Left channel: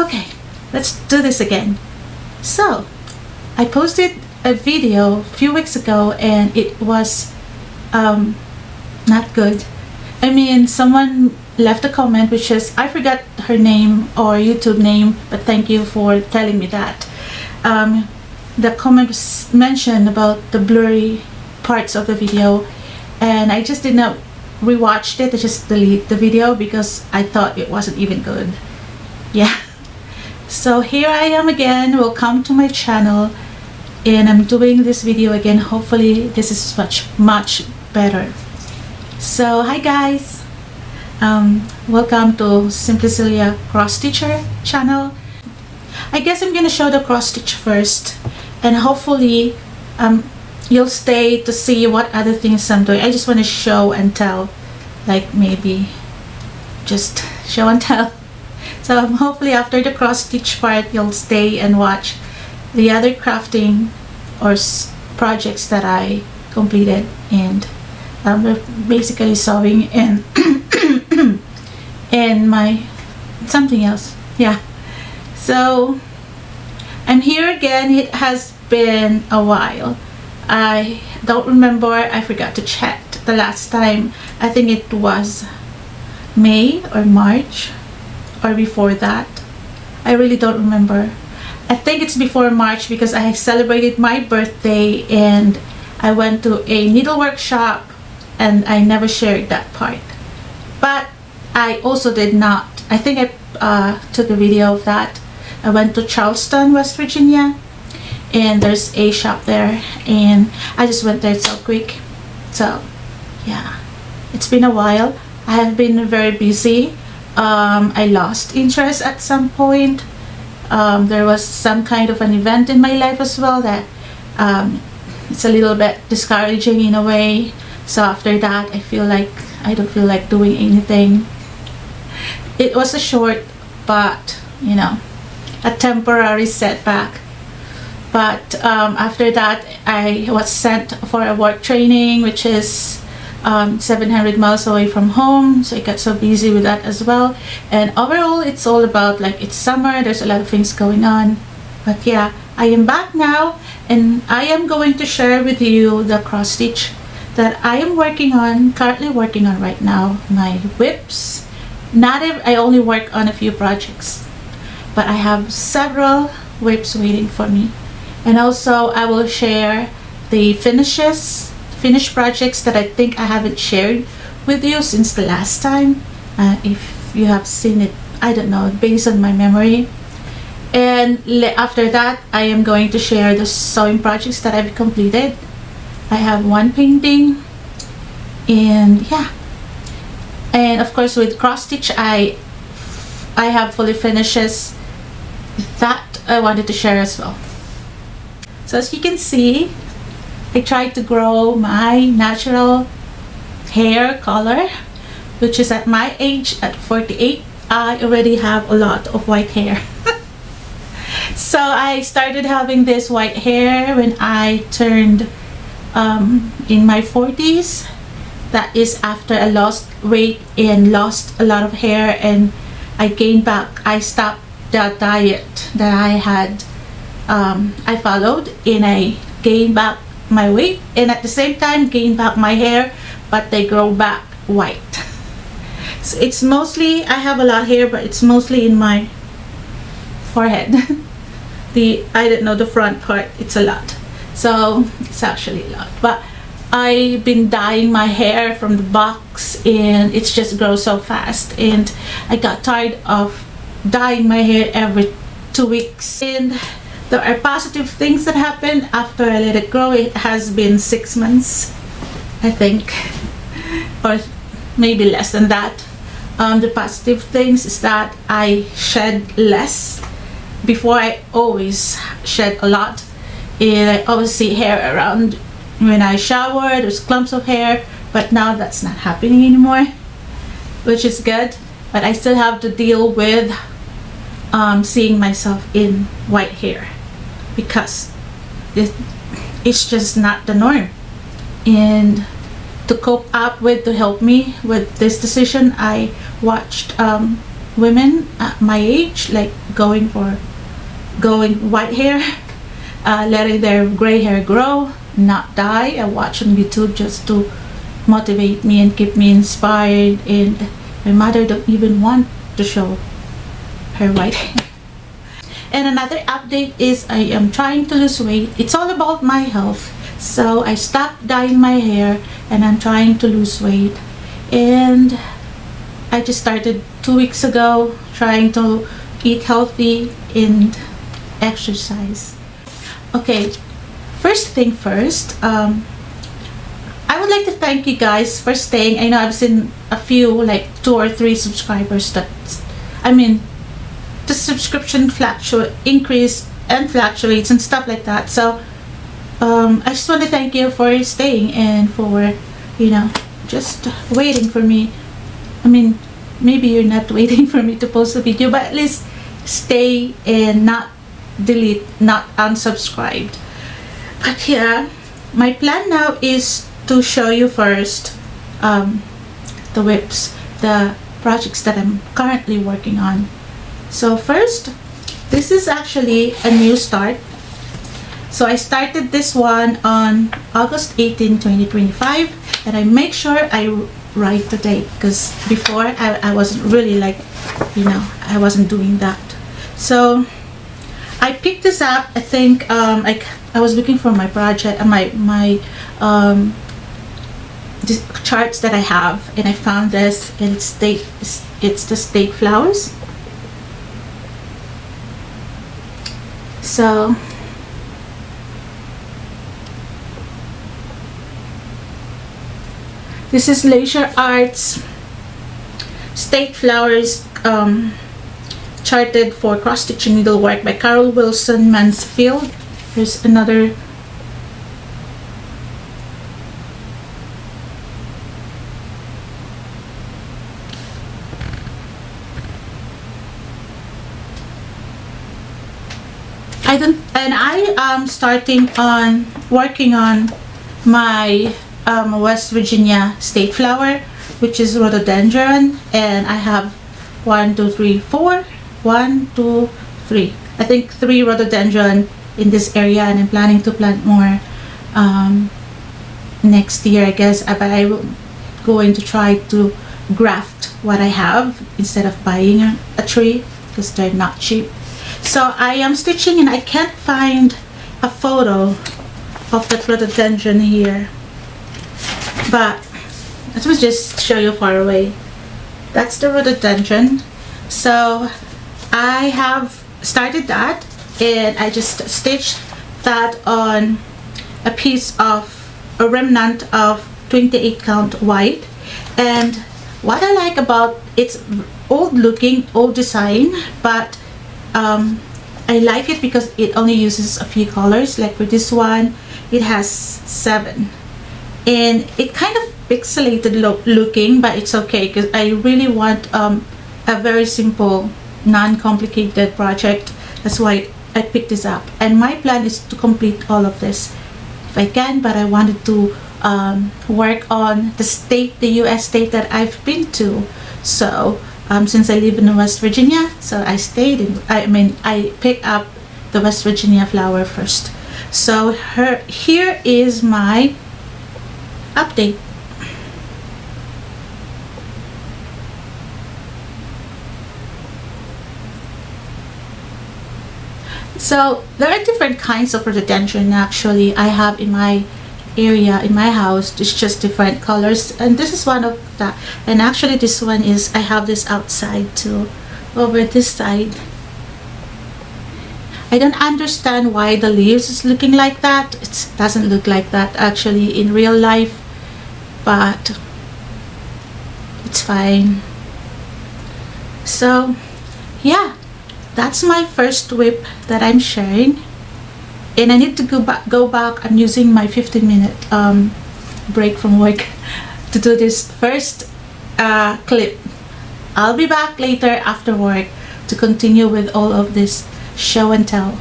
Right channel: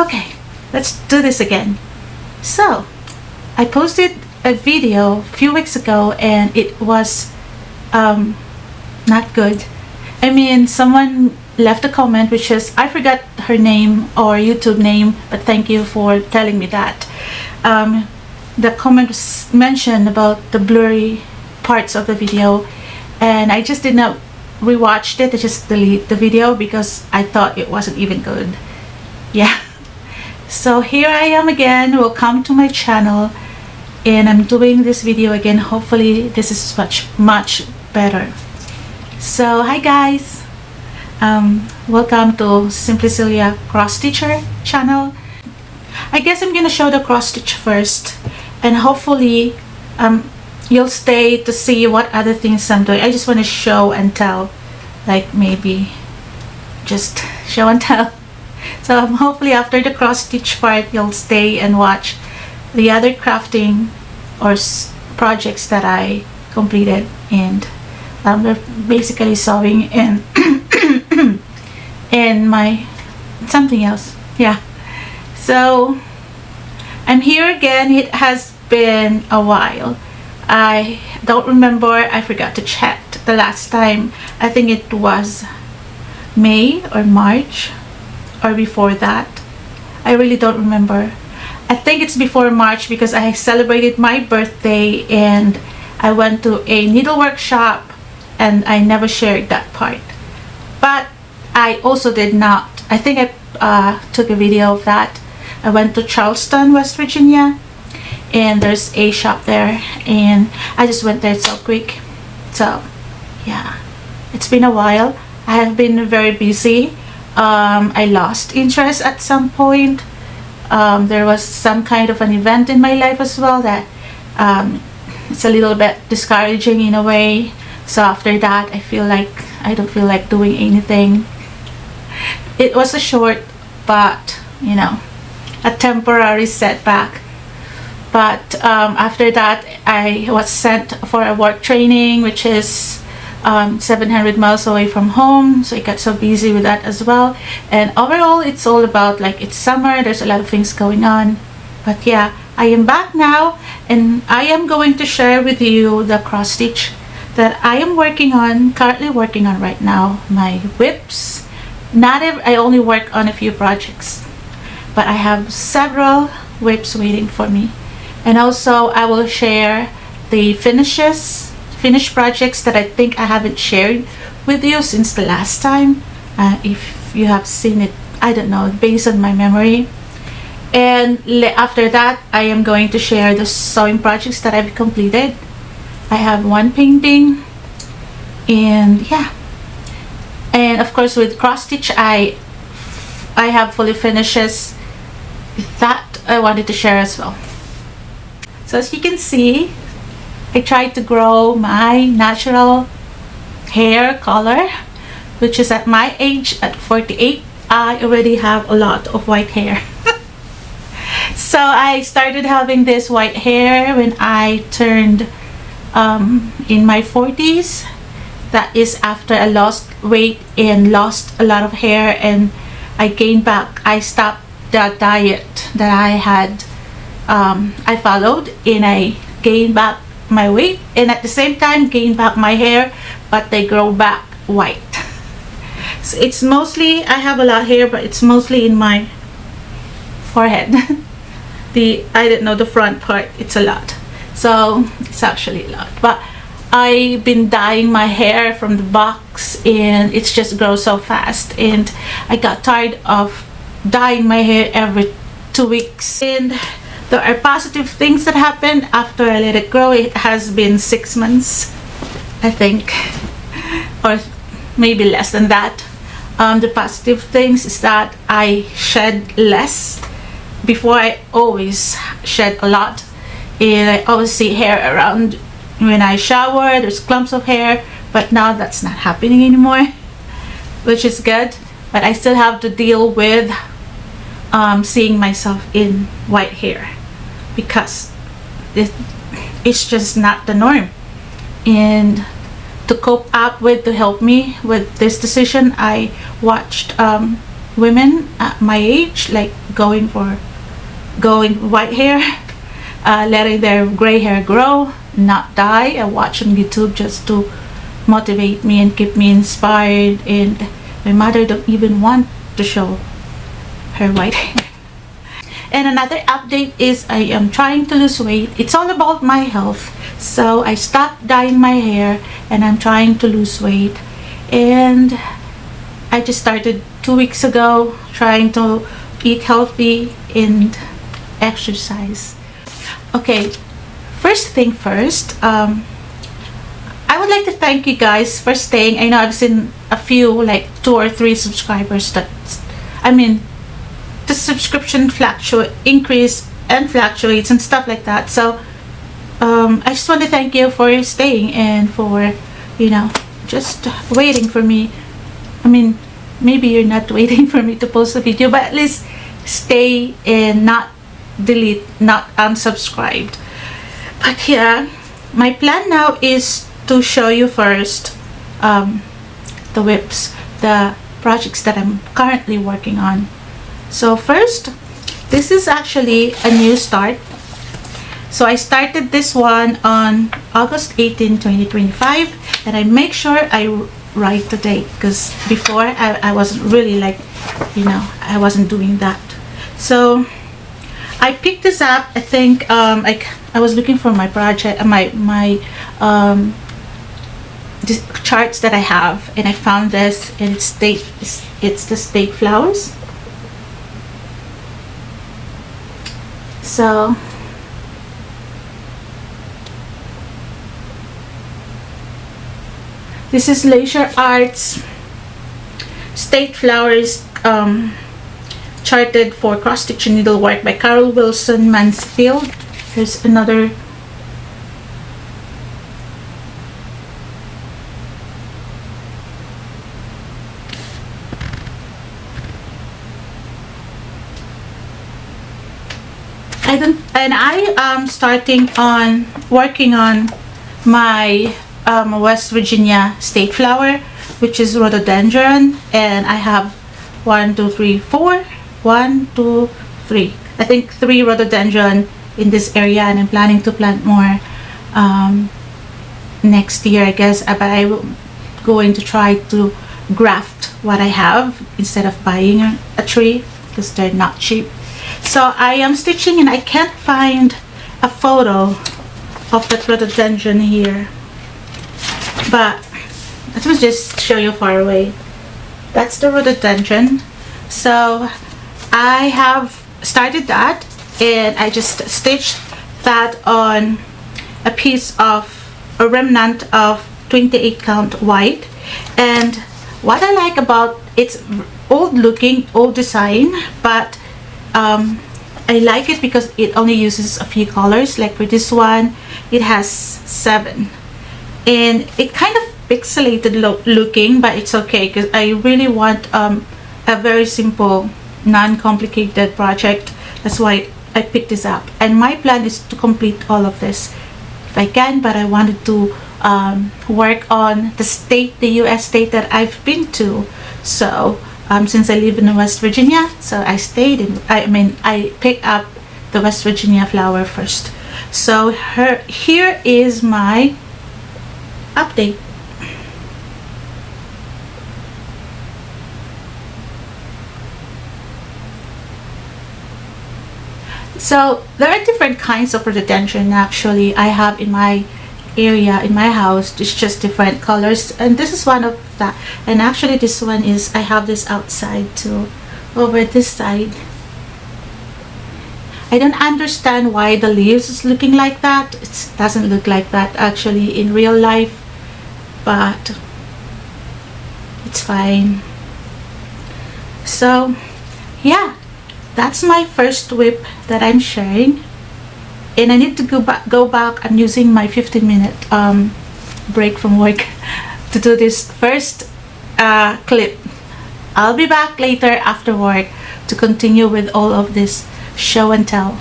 Okay, let's do this again. So, I posted a video a few weeks ago and it was not good. I mean, someone left a comment which is, I forgot her name or YouTube name, but thank you for telling me that. The comment was mentioned about the blurry parts of the video, and I just did not rewatched it. I just deleted the video because I thought it wasn't even good. Yeah. So here I am again. Welcome to my channel, and I'm doing this video again. Hopefully this is much better. So hi guys, welcome to Simplicilia Cross Stitcher channel. I guess I'm gonna show the cross stitch first, and hopefully you'll stay to see what other things I'm doing. I just want to show and tell, like maybe just show and tell. So hopefully after the cross stitch part you'll stay and watch the other crafting or projects that I completed, and we're basically sewing and and my something else. Yeah, so I'm here again. It has been a while. I don't remember, I forgot to check the last time. I think it was May or March or before that. I really don't remember. I think it's before March because I celebrated my birthday and I went to a needle workshop and I never shared that part. But I also did not, I think I took a video of that. I went to Charleston, West Virginia, and there's a shop there and I just went there so quick. So yeah, it's been a while. I have been very busy. I lost interest at some point. There was some kind of an event in my life as well that it's a little bit discouraging in a way. So after that I don't feel like doing anything. It was a short, but you know, a temporary setback. But after that I was sent for a work training which is 700 miles away from home, so I got so busy with that as well. And overall it's all about, like, it's summer, there's a lot of things going on. But yeah, I am back now and I am going to share with you the cross stitch that I am currently working on right now. My whips. I only work on a few projects, but I have several whips waiting for me. And also I will share the finished projects that I think I haven't shared with you since the last time. If you have seen it, I don't know, based on my memory. And after that I am going to share the sewing projects that I've completed. I have one painting, and yeah, and of course with cross stitch I have fully finishes that I wanted to share as well. So as you can see, I tried to grow my natural hair color, which is at my age, at 48, I already have a lot of white hair. So I started having this white hair when I turned in my 40s. That is after I lost weight and lost a lot of hair, and I gained back. I stopped the diet that I had I followed, and I gained back my weight and at the same time gain back my hair, but they grow back white. So it's mostly, I have a lot of hair, but it's mostly in my forehead. I don't know, the front part, it's a lot. So it's actually a lot, but I've been dyeing my hair from the box and it's just grown so fast, and I got tired of dyeing my hair every 2 weeks. And there are positive things that happened after I let it grow. It has been 6 months, I think, or maybe less than that. The positive things is that I shed less. Before I always shed a lot, and I always see hair around when I shower. There's clumps of hair, but now that's not happening anymore, which is good. But I still have to deal with seeing myself in white hair, because it's just not the norm. And to cope up with, to help me with this decision, I watched women at my age, like going white hair, letting their gray hair grow, not die. I watch on YouTube just to motivate me and keep me inspired, and my mother don't even want to show her white hair. And another update is I am trying to lose weight. It's all about my health. So I stopped dyeing my hair and I'm trying to lose weight. And I just started 2 weeks ago trying to eat healthy and exercise. Okay, first thing first, I would like to thank you guys for staying. I know I've seen a few, like 2 or 3 subscribers that, the subscription increase and fluctuates and stuff like that. So I just want to thank you for staying and for, just waiting for me. Maybe you're not waiting for me to post a video, but at least stay and not delete, not unsubscribed. But yeah, my plan now is to show you first the whips, the projects that I'm currently working on. So first, this is actually a new start. So I started this one on August 18, 2025. That I make sure I write the date, because before I wasn't really I wasn't doing that. So I picked this up. I think I was looking for my project, my these charts that I have, and I found this, and it's the state flowers. So this is Leisure Arts State Flowers charted for cross-stitch needlework by Carol Wilson Mansfield. Here's another. I am starting on working on my West Virginia state flower, which is rhododendron, and I have 1, 2, 3, 4. 1, 2, 3. I think 3 rhododendron in this area, and I'm planning to plant more next year, I guess. But I'm going to try to graft what I have instead of buying a tree, because they're not cheap. So I am stitching, and I can't find a photo of the rhododendron here, but let me just show you far away. That's the rhododendron. So I have started that, and I just stitched that on a piece of a remnant of 28 count white. And what I like about it's old looking, old design, but I like it because it only uses a few colors. Like for this one, it has 7, and it kind of pixelated looking, but it's okay because I really want a very simple, non-complicated project. That's why I picked this up, and my plan is to complete all of this if I can. But I wanted to work on the US state that I've been to. So since I live in West Virginia, so I stayed in, I picked up the West Virginia flower first. So here is my update. So there are different kinds of rhododendron actually I have in my area, in my house. It's just different colors, and this is one of that. And actually this one is, I have this outside too, over this side. I don't understand why the leaves is looking like that. It doesn't look like that actually in real life, but it's fine. So yeah, that's my first whip that I'm sharing. And I need to go back. I'm using my 15-minute break from work to do this first clip. I'll be back later after work to continue with all of this show and tell.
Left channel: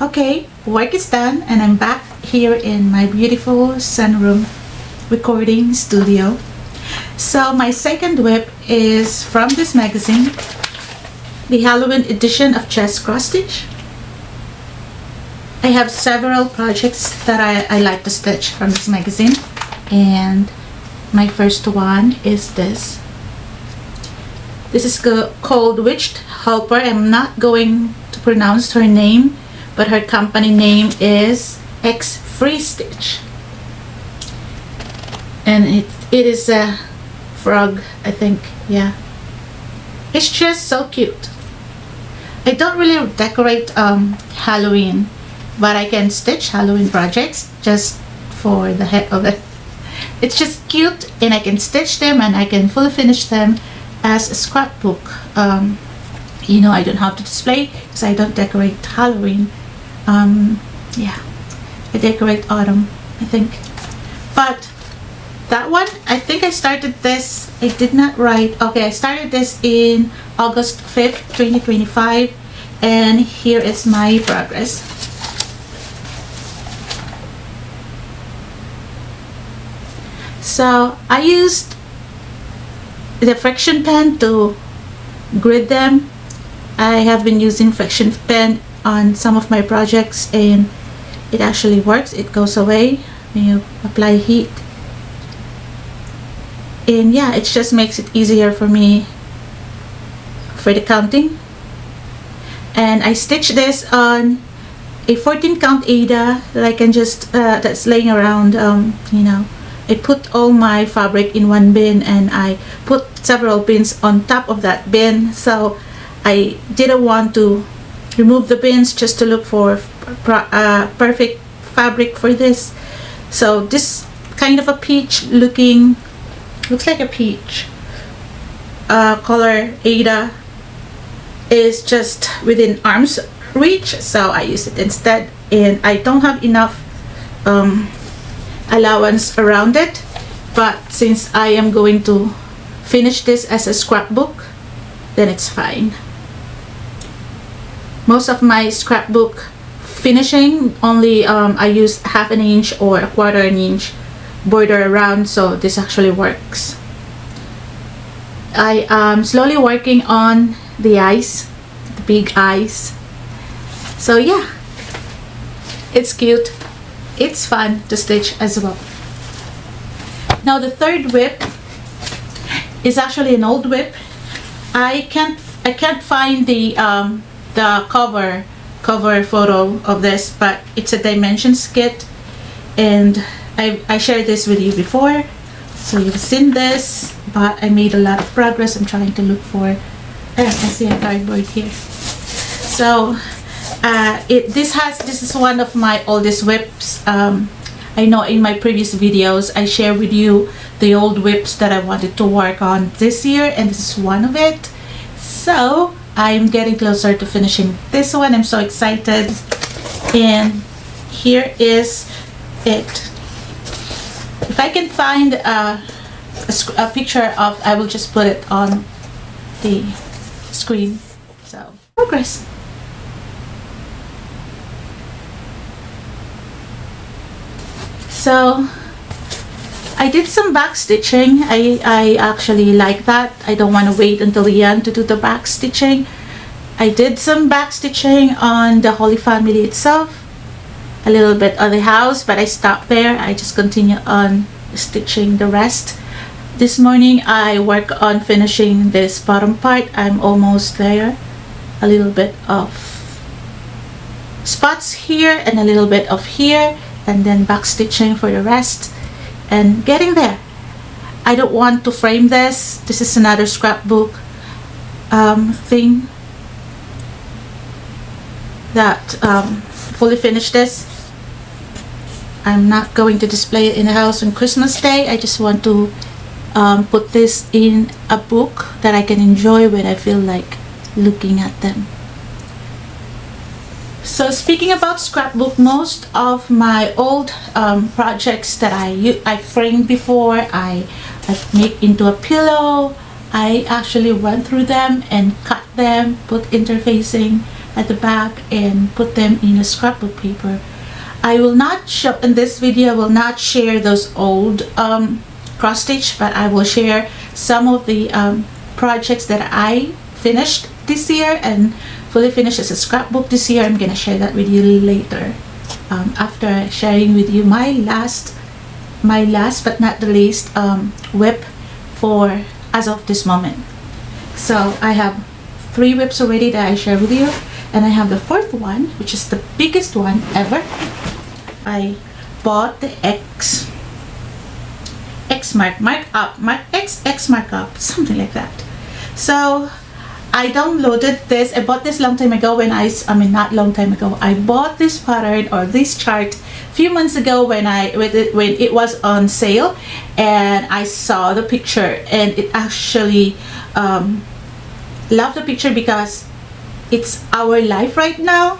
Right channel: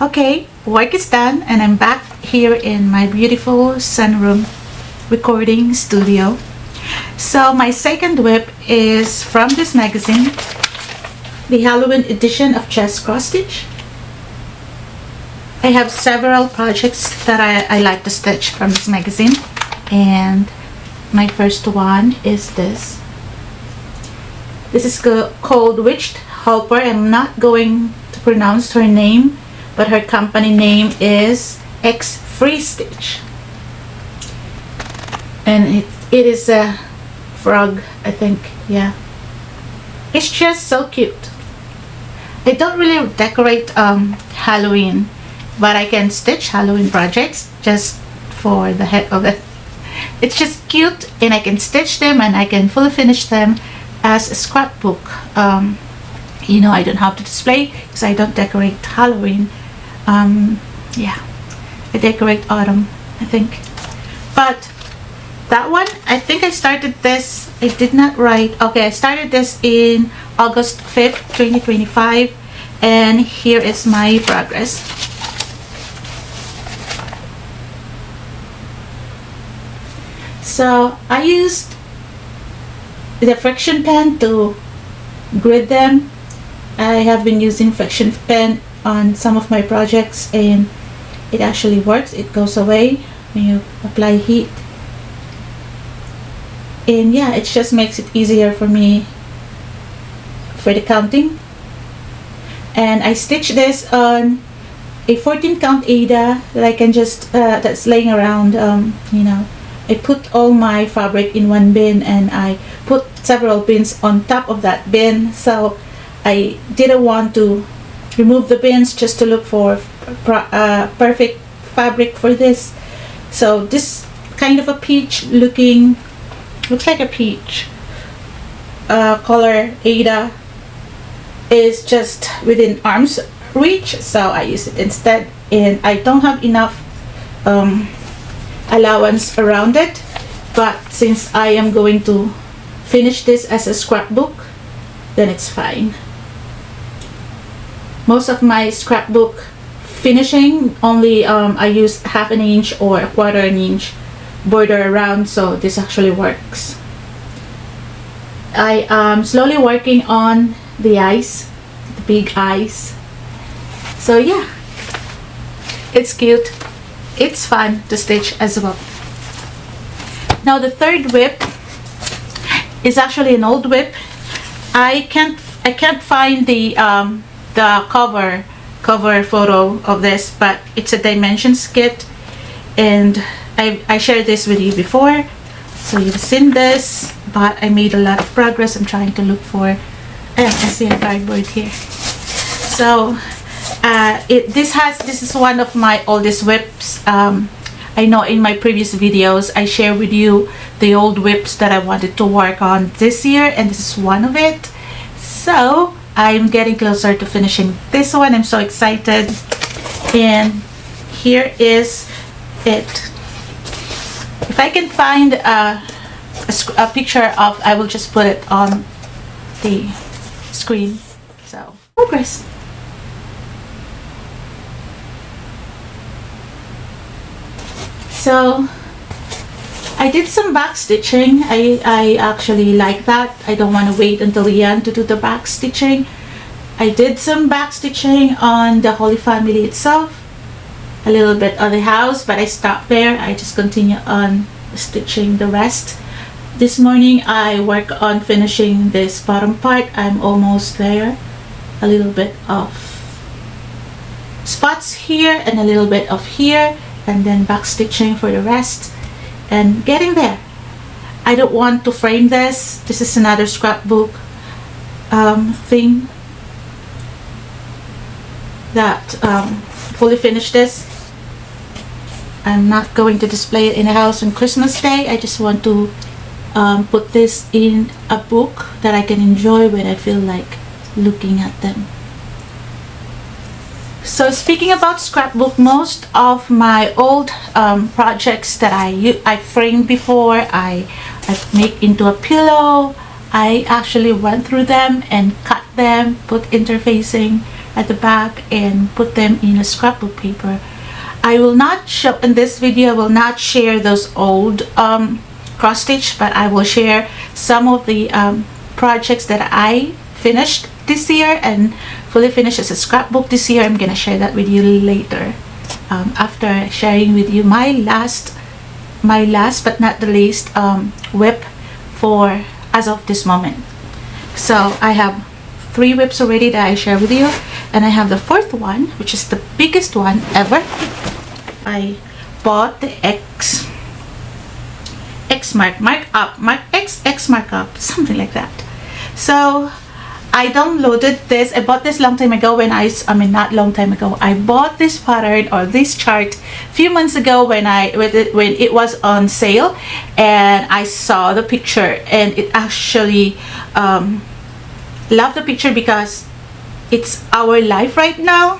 Okay, work is done, and I'm back here in my beautiful sunroom recording studio. So my second whip is from this magazine, the Halloween edition of Just Cross Stitch. I have several projects that I like to stitch from this magazine, and my first one is this. This is called Witched Helper. I'm not going to pronounce her name, but her company name is X Free Stitch, and it is a frog, I think. Yeah, it's just so cute. I don't really decorate Halloween, but I can stitch Halloween projects just for the heck of it. It's just cute, and I can stitch them and I can fully finish them as a scrapbook. You know, I don't have to display because I don't decorate Halloween. Yeah, I decorate autumn, I think. But that one, I think I started this, I did not write, okay, I started this in August 5th, 2025, and here is my progress. So I used the friction pen to grid them. I have been using friction pen on some of my projects, and it actually works. It goes away when you apply heat. And yeah, it just makes it easier for me for the counting. And I stitched this on a 14 count Aida that I can just that's laying around. You know, I put all my fabric in one bin, and I put several bins on top of that bin, so I didn't want to remove the bins just to look for perfect fabric for this. So this kind of a peach looking, looks like a peach color Aida is just within arm's reach, so I use it instead. And I don't have enough allowance around it, but since I am going to finish this as a scrapbook, then it's fine. Most of my scrapbook finishing only I use 1/2 inch or 1/4 inch border around, so this actually works. I am slowly working on the eyes, the big eyes. So yeah, it's cute. It's fun to stitch as well. Now the third whip is actually an old whip. I can't find the cover photo of this, but it's a dimensions kit, and I shared this with you before, so you've seen this, but I made a lot of progress. I'm trying to look for, I see a cardboard here. So this is one of my oldest whips. I know in my previous videos I shared with you the old whips that I wanted to work on this year, and this is one of it. So I'm getting closer to finishing this one. I'm so excited. And here is it. If I can find a picture of, I will just put it on the screen. So progress. So I did some back stitching. I actually like that. I don't want to wait until the end to do the back stitching. I did some back stitching on the Holy Family itself, a little bit on the house, but I stopped there. I just continue on stitching the rest. This morning I work on finishing this bottom part. I'm almost there. A little bit of spots here and a little bit of here, and then back stitching for the rest, and getting there. I don't want to frame this. This is another scrapbook thing that fully finished this. I'm not going to display it in the house on Christmas Day. I just want to put this in a book that I can enjoy when I feel like looking at them. So speaking about scrapbook, most of my old projects that I framed before, I make into a pillow. I actually went through them and cut them, put interfacing at the back, and put them in a scrapbook paper. I will not show in this video. I will not share those old cross stitch, but I will share some of the projects that I finished this year and fully finished as a scrapbook this year. I'm gonna share that with you later, after sharing with you my last but not the least whip for as of this moment. So I have 3 whips already that I share with you, and I have the 4th one, which is the biggest one ever. I bought the X markup, something like that. So I downloaded this. I bought this long time ago when I mean not long time ago. I bought this pattern or this chart a few months ago when it was on sale, and I saw the picture, and it actually love the picture because it's our life right now.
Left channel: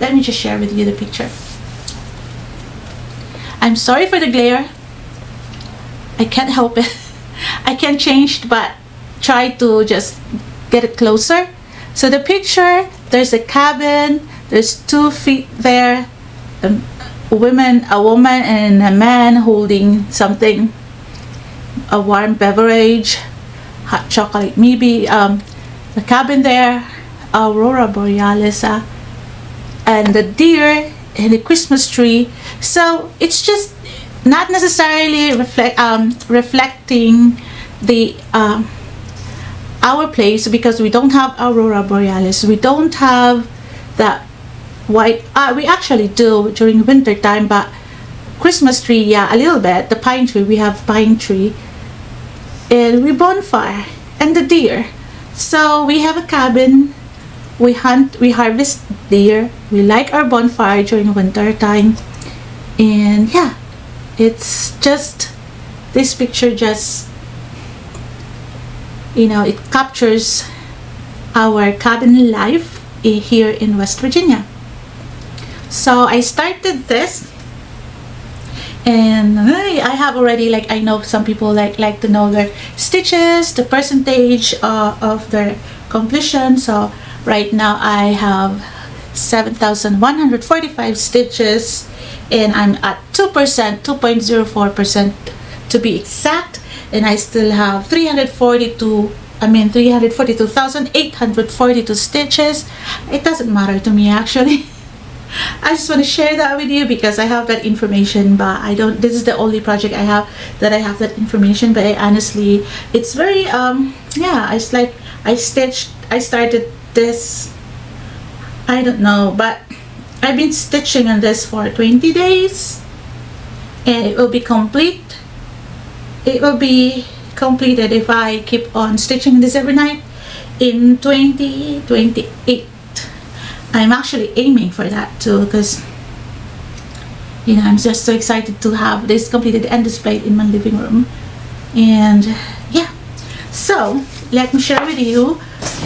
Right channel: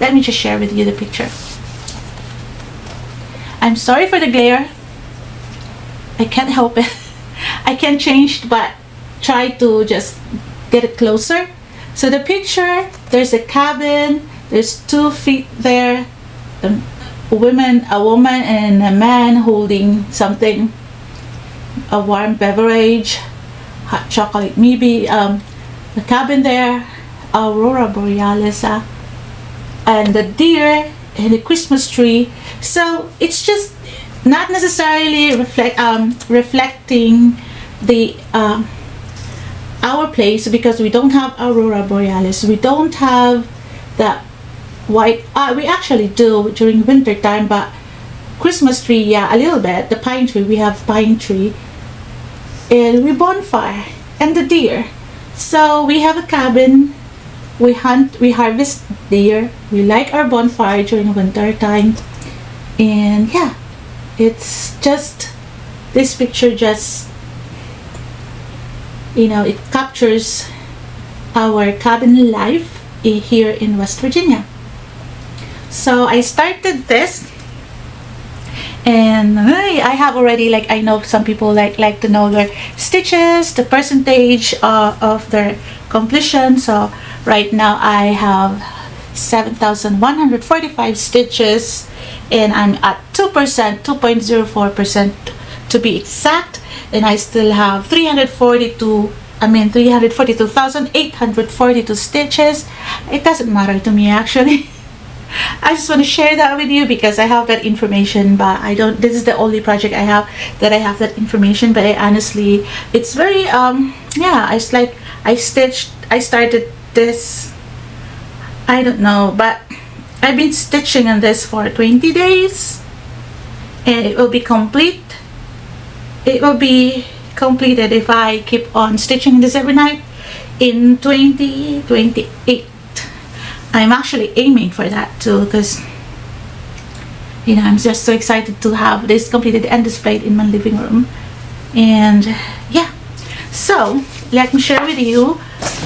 Let me just share with you the picture. I'm sorry for the glare. I can't help it. I can't change, but try to just get it closer. So the picture, there's a cabin, there's 2 feet there, a woman and a man holding something, a warm beverage, hot chocolate maybe, the cabin there, aurora borealis, and the deer and the Christmas tree. So it's just not necessarily reflecting the our place, because we don't have aurora borealis, we don't have that white, we actually do during winter time, but Christmas tree, yeah, a little bit. The pine tree, we have pine tree, and we bonfire and the deer. So we have a cabin, we hunt, we harvest deer, we light our bonfire during winter time, and yeah, it's just, this picture just, you know, it captures our cabin life here in West Virginia. So I started this, and I have already, like, I know some people like to know their stitches, the percentage of their completion. So right now I have 7,145 stitches, and I'm at 2.04% to be exact, and I still have 342,842 stitches. It doesn't matter to me actually. I just want to share that with you because I have that information, but I don't, this is the only project I have that I have that information. But I honestly, it's very yeah, it's like I started this, I don't know, but I've been stitching on this for 20 days, and it will be complete. It will be completed if I keep on stitching this every night in 2028. I'm actually aiming for that too, because, you know, I'm just so excited to have this completed and displayed in my living room. And yeah, so let me share with you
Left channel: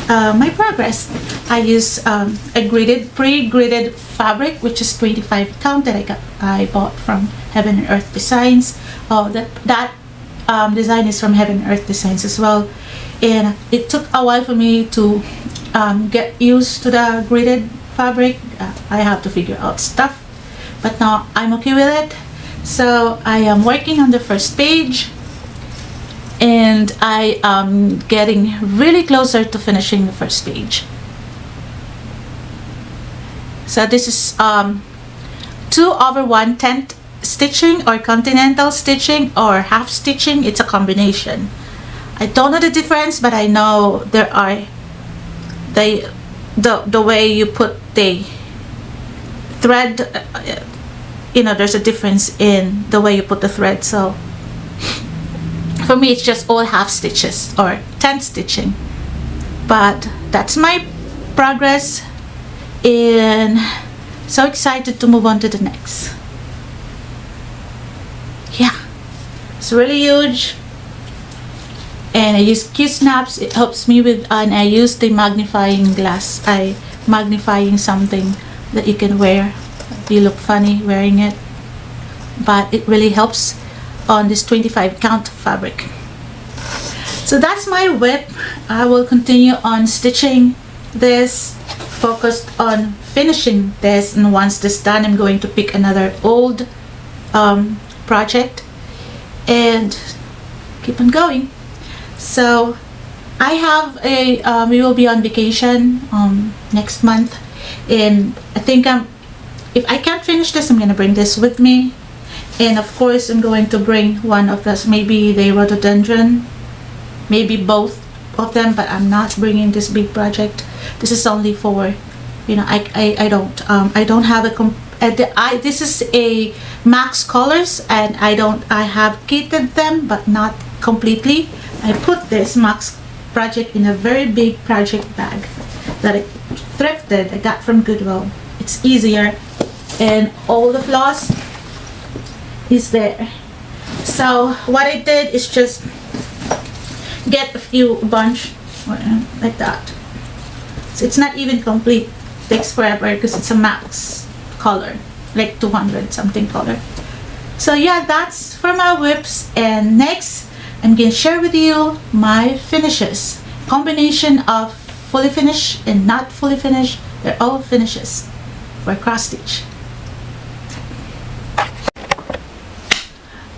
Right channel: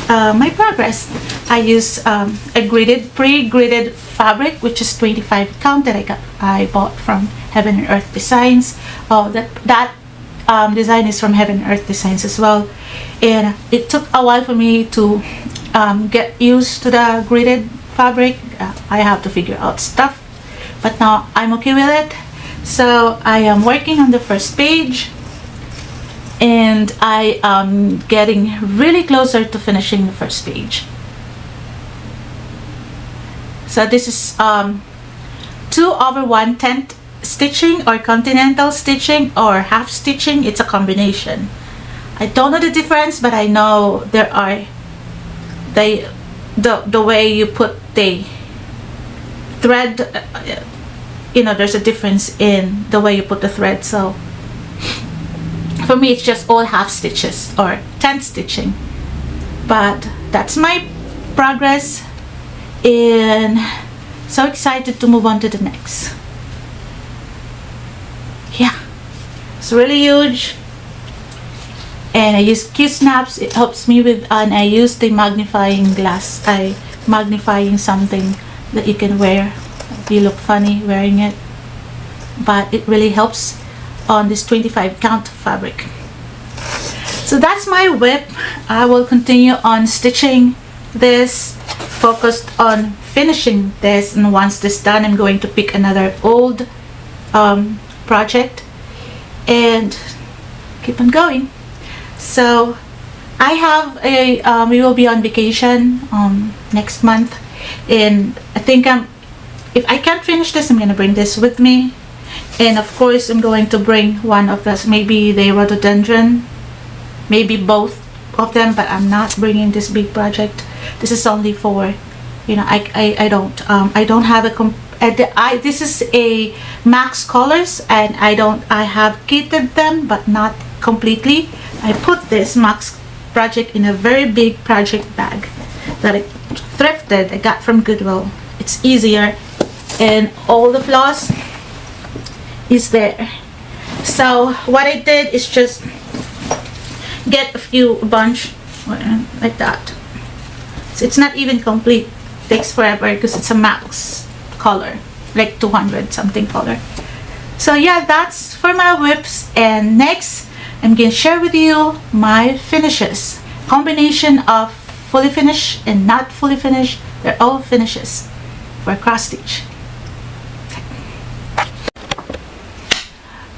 my progress. I use a pre-gridded fabric, which is 25 count, that I bought from Heaven and Earth Designs. Oh, that design is from Heaven and Earth Designs as well. And it took a while for me to get used to the gridded fabric. I have to figure out stuff, but now I'm okay with it. So I am working on the first page, and I am getting really closer to finishing the first page. So this is 2/1/10 stitching, or continental stitching, or half stitching. It's a combination. I don't know the difference, but I know there are the way you put the thread, you know, there's a difference in the way you put the thread. So for me, it's just all half stitches or 10 stitching. But that's my progress, and so excited to move on to the next. Yeah, it's really huge. And I use Q-snaps. It helps me with, and I use the magnifying glass. Magnifying something that you can wear if you look funny wearing it. But it really helps on this 25 count fabric. So that's my whip. I will continue on stitching this, focused on finishing this, and once this done, I'm going to pick another old project and keep on going. So I have a we will be on vacation next month, and I think if I can't finish this, I'm gonna bring this with me. And of course I'm going to bring one of this, maybe the rhododendron, maybe both of them, but I'm not bringing this big project. This is only for, you know, I don't have a this is a max colors, and I have kitted them but not completely. I put this max project in a very big project bag that I thrifted. I got from Goodwill. It's easier, and all the floss is there. So what I did is just get a few bunch like that. So it's not even complete. It takes forever because it's a max color, like 200 something color. So yeah, that's for my whips. And next I'm gonna share with you my finishes, combination of fully finished and not fully finished. They're all finishes for cross stitch.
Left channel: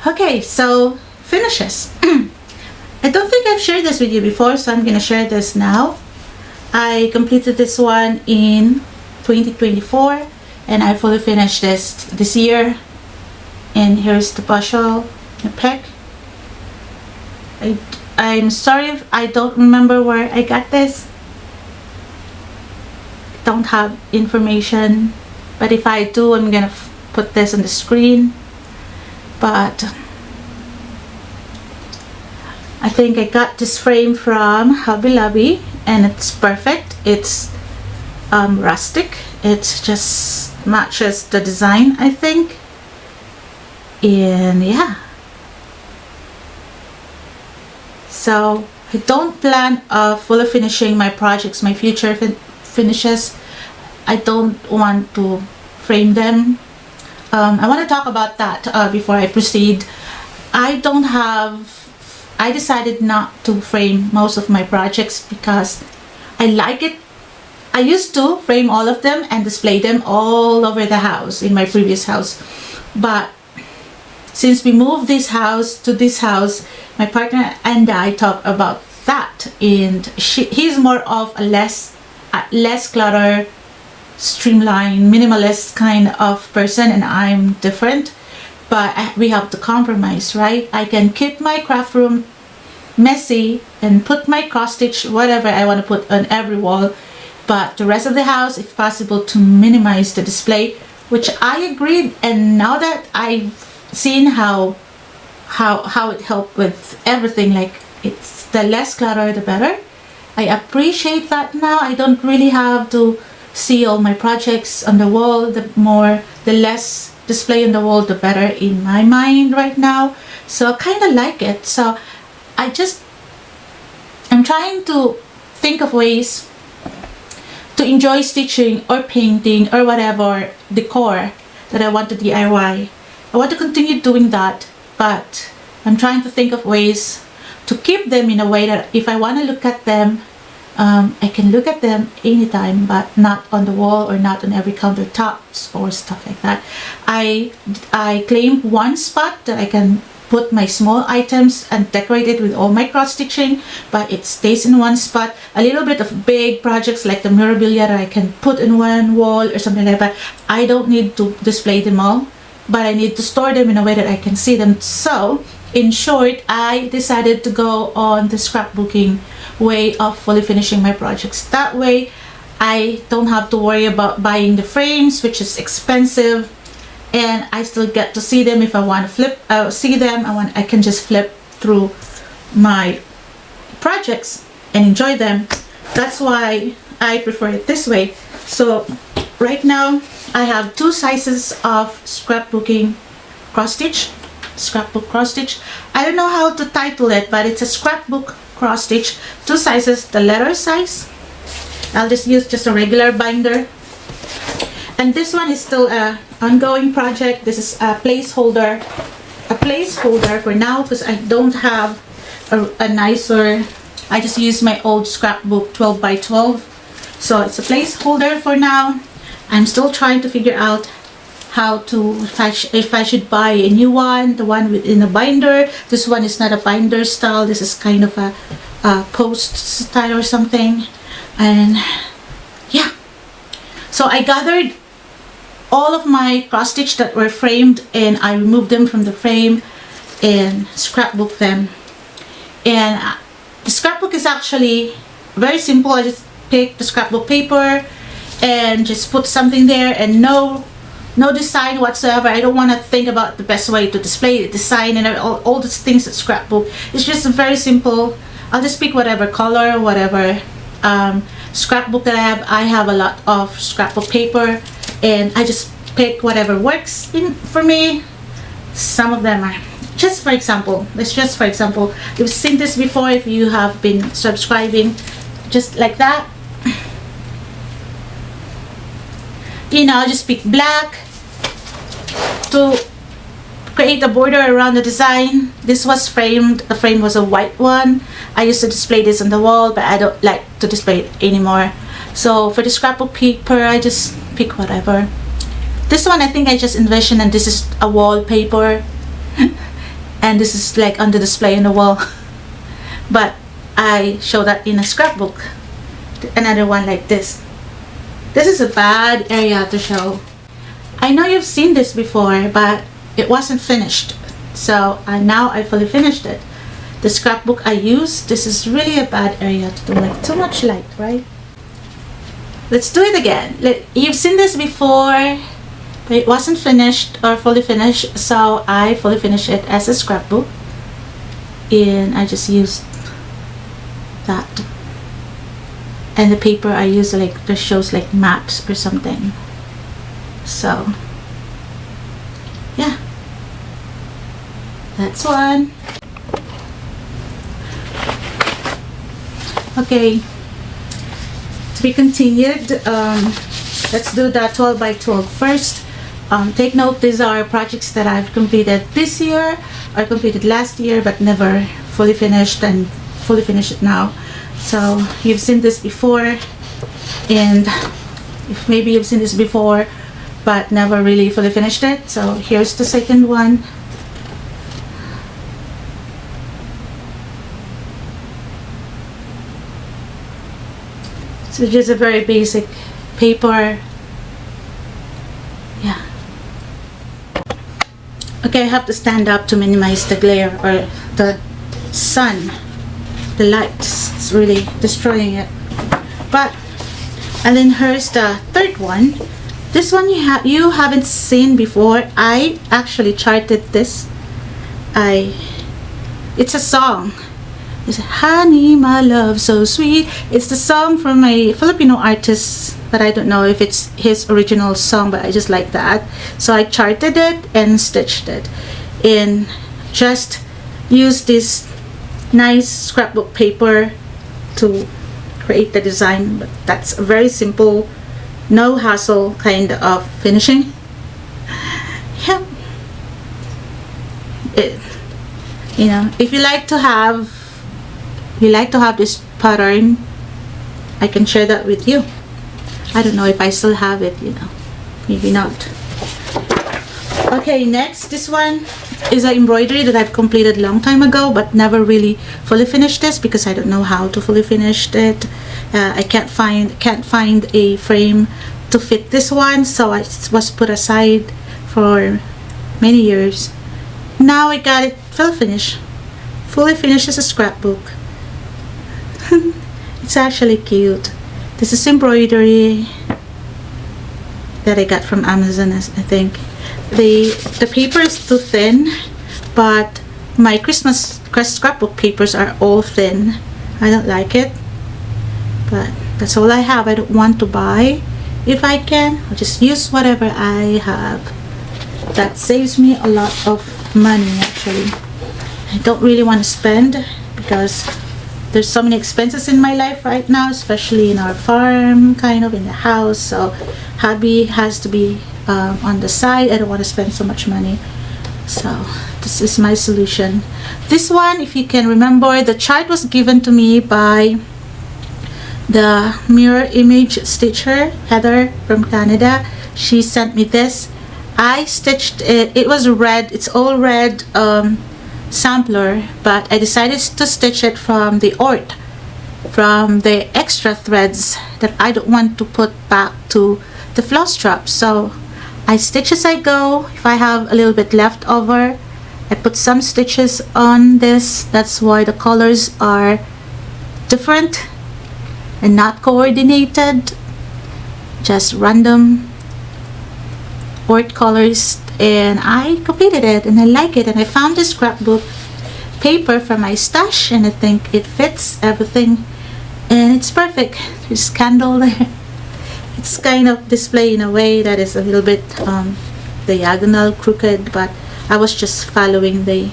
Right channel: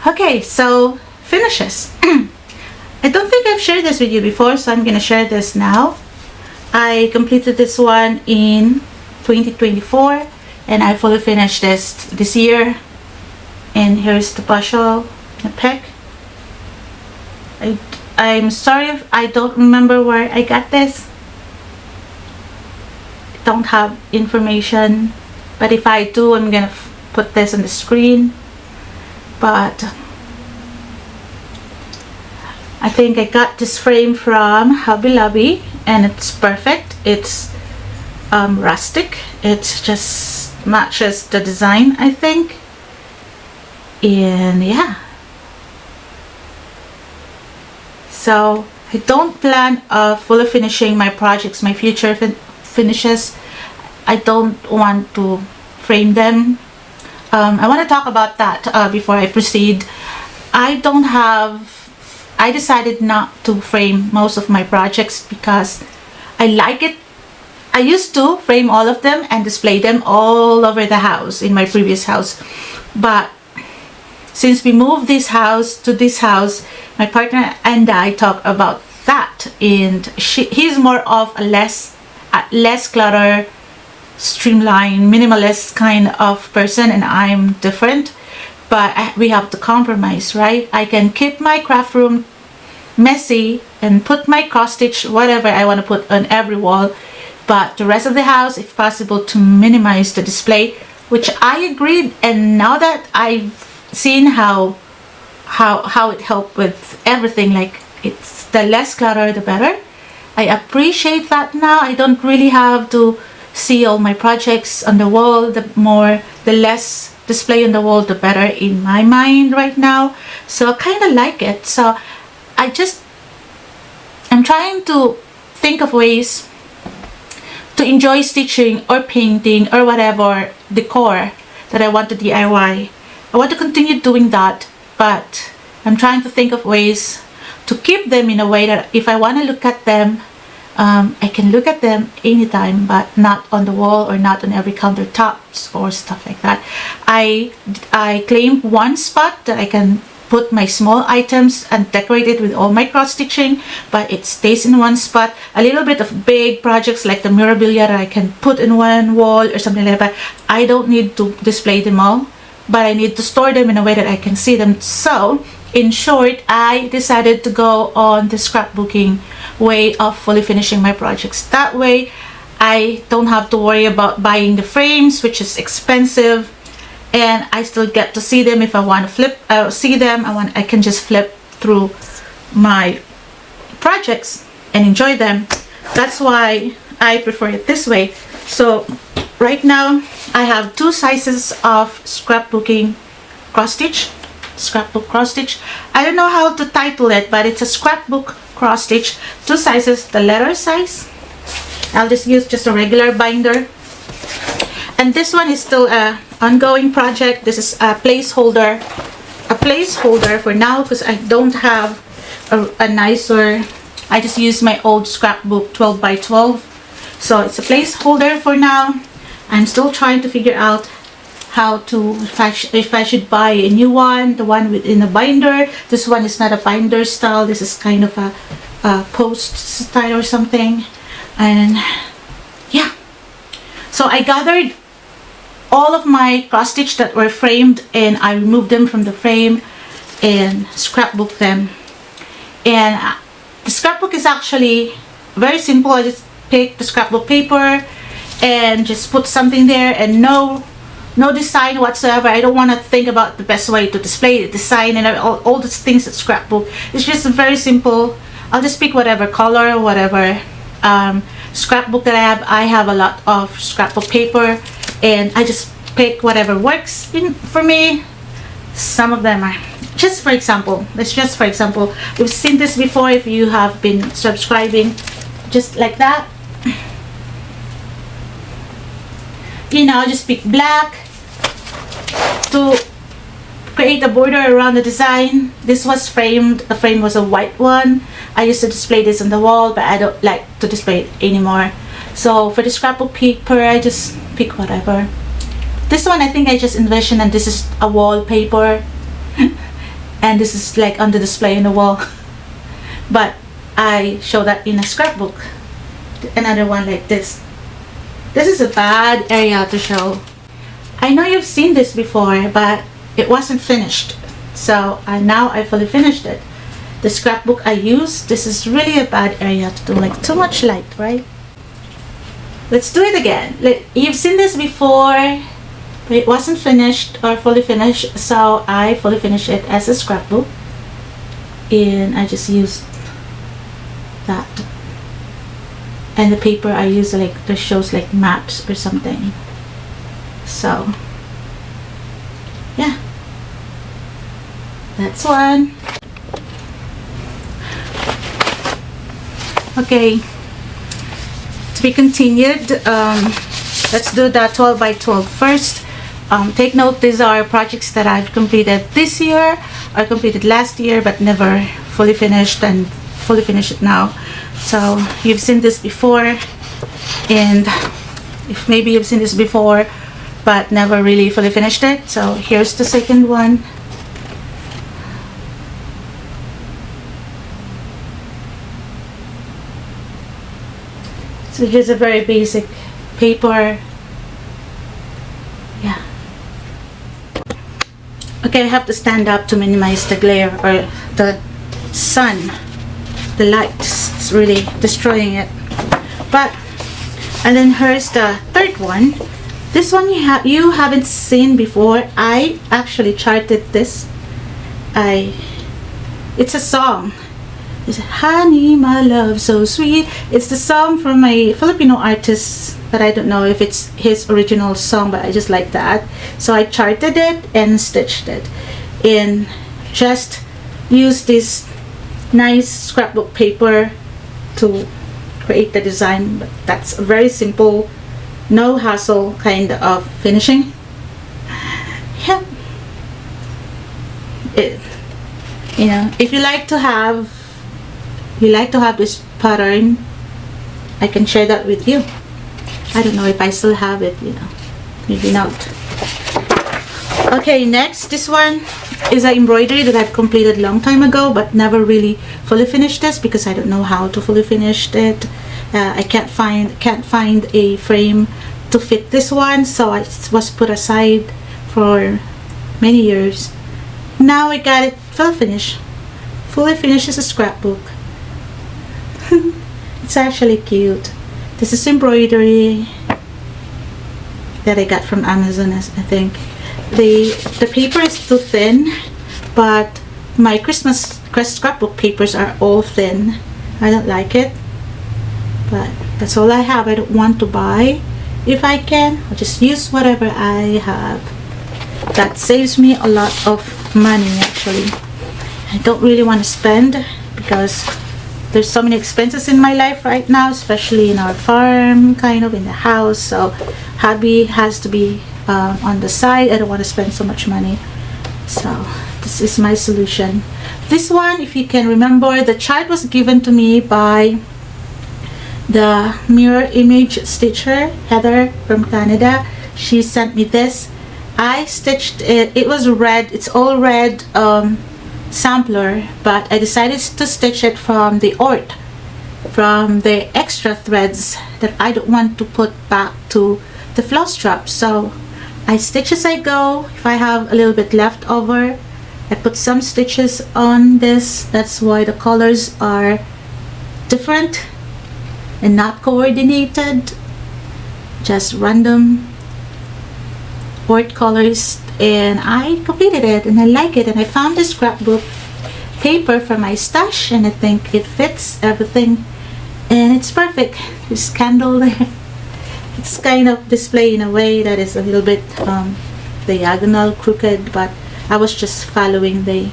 Okay, so finishes. I don't think I've shared this with you before, so I'm gonna share this now. I completed this one in 2024, and I fully finished this year. And here's the Bushel, the Peck. I'm sorry if I don't remember where I got this. I don't have information, but if I do, I'm gonna put this on the screen. But I think I got this frame from Hobby Lobby, and it's perfect. It's rustic. It just matches the design, I think. And yeah, so I don't plan fully finishing my projects, my future finishes. I don't want to frame them. I want to talk about that before I proceed. I decided not to frame most of my projects because I like it. I used to frame all of them and display them all over the house in my previous house. But since we moved this house to this house, my partner and I talk about that. And he's more of a less clutter, streamlined, minimalist kind of person, and I'm different. But we have to compromise, right? I can keep my craft room messy and put my cross stitch, whatever I want to put on every wall, but the rest of the house, if possible, to minimize the display, which I agreed. And now that I've seen how it helped with everything, like it's the less clutter the better. I appreciate that now. I don't really have to see all my projects on the wall. The less display on the wall, the better in my mind right now. So I kind of like it. So I'm trying to think of ways to enjoy stitching or painting or whatever decor that I want to DIY. I want to continue doing that, but I'm trying to think of ways to keep them in a way that if I want to look at them, I can look at them anytime, but not on the wall or not on every countertops or stuff like that. I claim one spot that I can put my small items and decorate it with all my cross stitching, but it stays in one spot. A little bit of big projects like the memorabilia that I can put in one wall or something like that. I don't need to display them all, but I need to store them in a way that I can see them. So in short, I decided to go on the scrapbooking way of fully finishing my projects. That way I don't have to worry about buying the frames, which is expensive, and I still get to see them. If I want to see them, I can just flip through my projects and enjoy them. That's why I prefer it this way. So right now I have two sizes of scrapbooking cross stitch, scrapbook cross stitch. I don't know how to title it, but it's a scrapbook cross stitch, two sizes. The letter size, I'll just use just a regular binder, and this one is still a ongoing project. This is a placeholder for now because I don't have a nicer. I just use my old scrapbook 12 by 12, so it's a placeholder for now. I'm still trying to figure out how to, if I should buy a new one, the one within a binder. This one is not a binder style. This is kind of a post style or something. And yeah, so I gathered all of my cross stitch that were framed, and I removed them from the frame and scrapbook them. And the scrapbook is actually very simple. I just pick the scrapbook paper and just put something there, and no design whatsoever. I don't want to think about the best way to display the design and all those things at scrapbook. It's just very simple. I'll just pick whatever color, whatever scrapbook that I have a lot of scrapbook paper, and I just pick whatever works for me. Some of them are just for example. It's just for example. You've seen this before if you have been subscribing. Just like that. You know, just pick black to create a border around the design. This was framed. The frame was a white one. I used to display this on the wall, but I don't like to display it anymore. So for the scrapbook paper, I just pick whatever. This one I think I just envisioned, and this is a wallpaper. And this is like on the display on the wall. But I show that in a scrapbook. Another one like this. This is a bad area to show. I know you've seen this before, but it wasn't finished. So now I fully finished it. The scrapbook I used, this is really a bad area to do, like too much light, right? Let's do it again. You've seen this before, but it wasn't finished or fully finished. So I fully finished it as a scrapbook. And I just used that. And the paper I use, like, this shows like maps or something. So yeah, that's one. Okay, to be continued. Let's do the 12 by 12 first. Take note, these are projects that I've completed this year or completed last year, but never fully finished, and fully finished it now. So you've seen this before, and maybe you've seen this before but never really fully finished it. So here's the second one. So just a very basic paper. Yeah. Okay, I have to stand up to minimize the glare or the sun. The light is really destroying it. But, and then here's the third one. This one you haven't seen before. I actually charted this. It's a song. It's Honey, my love, so sweet. It's the song from a Filipino artist, but I don't know if it's his original song, but I just like that. So I charted it and stitched it. And just use this nice scrapbook paper to create the design. That's very simple, no hassle kind of finishing. Yeah. You know, if you like to have this pattern, I can share that with you. I don't know if I still have it, you know, maybe not. Okay, next, this one is an embroidery that I've completed a long time ago, but never really fully finished this because I don't know how to fully finish it. I can't find a frame to fit this one, so it was put aside for many years. Now I got it fully finished as a scrapbook. It's actually cute. This is embroidery that I got from Amazon, I think. The paper is too thin, but my Christmas scrapbook papers are all thin. I don't like it, but that's all I have. I don't want to buy. If I can, I'll just use whatever I have. That saves me a lot of money, actually. I don't really want to spend because there's so many expenses in my life right now, especially in our farm, kind of in the house. So hobby has to be on the side. I don't want to spend so much money. So this is my solution. This one, if you can remember, the chart was given to me by the mirror image stitcher, Heather from Canada. She sent me this, I stitched it. It was red. It's all red sampler, but I decided to stitch it from the ORT, from the extra threads that I don't want to put back to the floss strap. So I stitch as I go. If I have a little bit left over, I put some stitches on this. That's why the colors are different and not coordinated, just random ORT colors. And I completed it and I like it, and I found this scrapbook paper from my stash and I think it fits everything and it's perfect. There's candle there. It's kind of display in a way that is a little bit diagonal, crooked, but I was just following the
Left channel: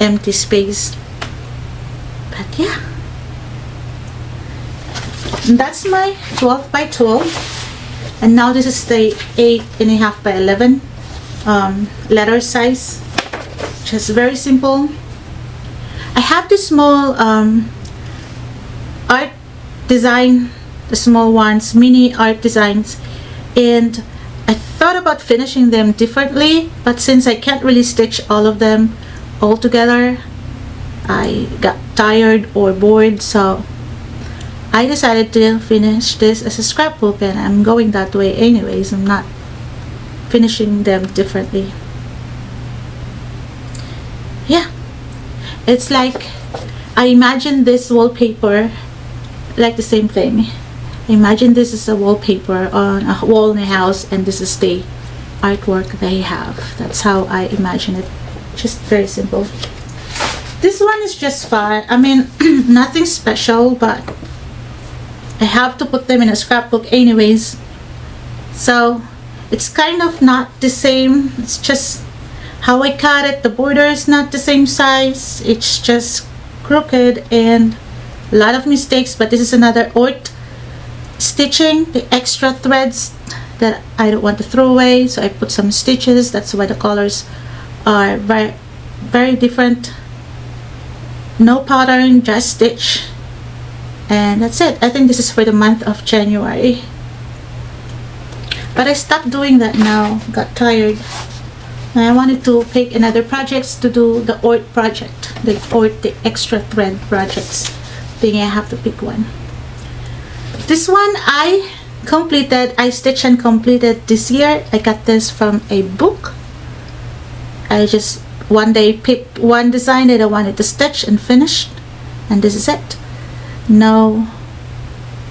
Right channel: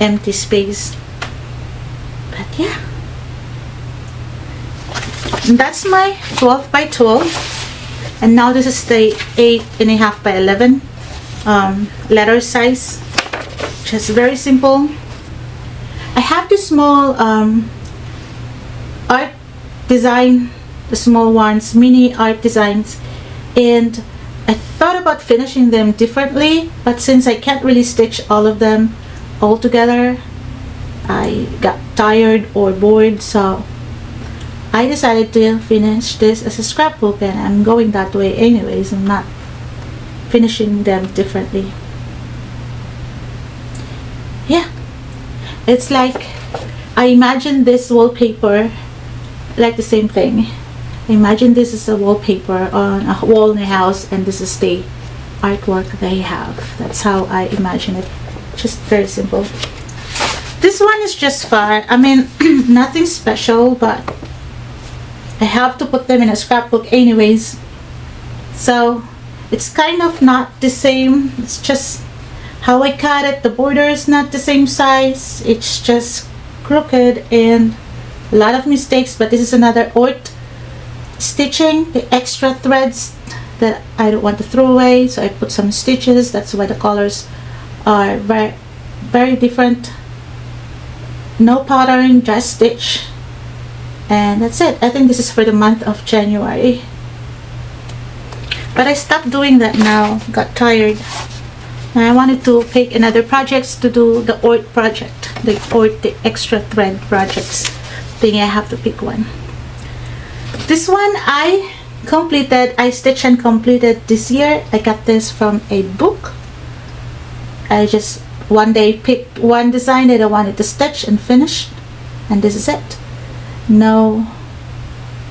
empty space. But yeah, and that's my 12 by 12, and now this is the 8.5 by 11 letter size. Just very simple. I have this small art design, the small ones, mini art designs, and I thought about finishing them differently, but since I can't really stitch all of them all together, I got tired or bored, so I decided to finish this as a scrapbook, and I'm going that way anyways. I'm not finishing them differently. Yeah, it's like I imagine this wallpaper like the same thing. Imagine this is a wallpaper on a wall in a house, and this is the artwork they have. That's how I imagine it. Just very simple. This one is just fun. I mean, nothing special, but I have to put them in a scrapbook anyways. So it's kind of not the same. It's just how I cut it. The border is not the same size. It's just crooked and a lot of mistakes, but this is another ORT stitching, the extra threads that I don't want to throw away, so I put some stitches. That's why the colors are very, very different. No pattern, just stitch, and that's it. I think this is for the month of January, but I stopped doing that now. Got tired. And I wanted to pick another projects to do the ORT project, the ORT, the extra thread projects. Thinking I have to pick one. This one I completed. I stitched and completed this year. I got this from a book. I just one day picked one design that I wanted to stitch and finish, and this is it. No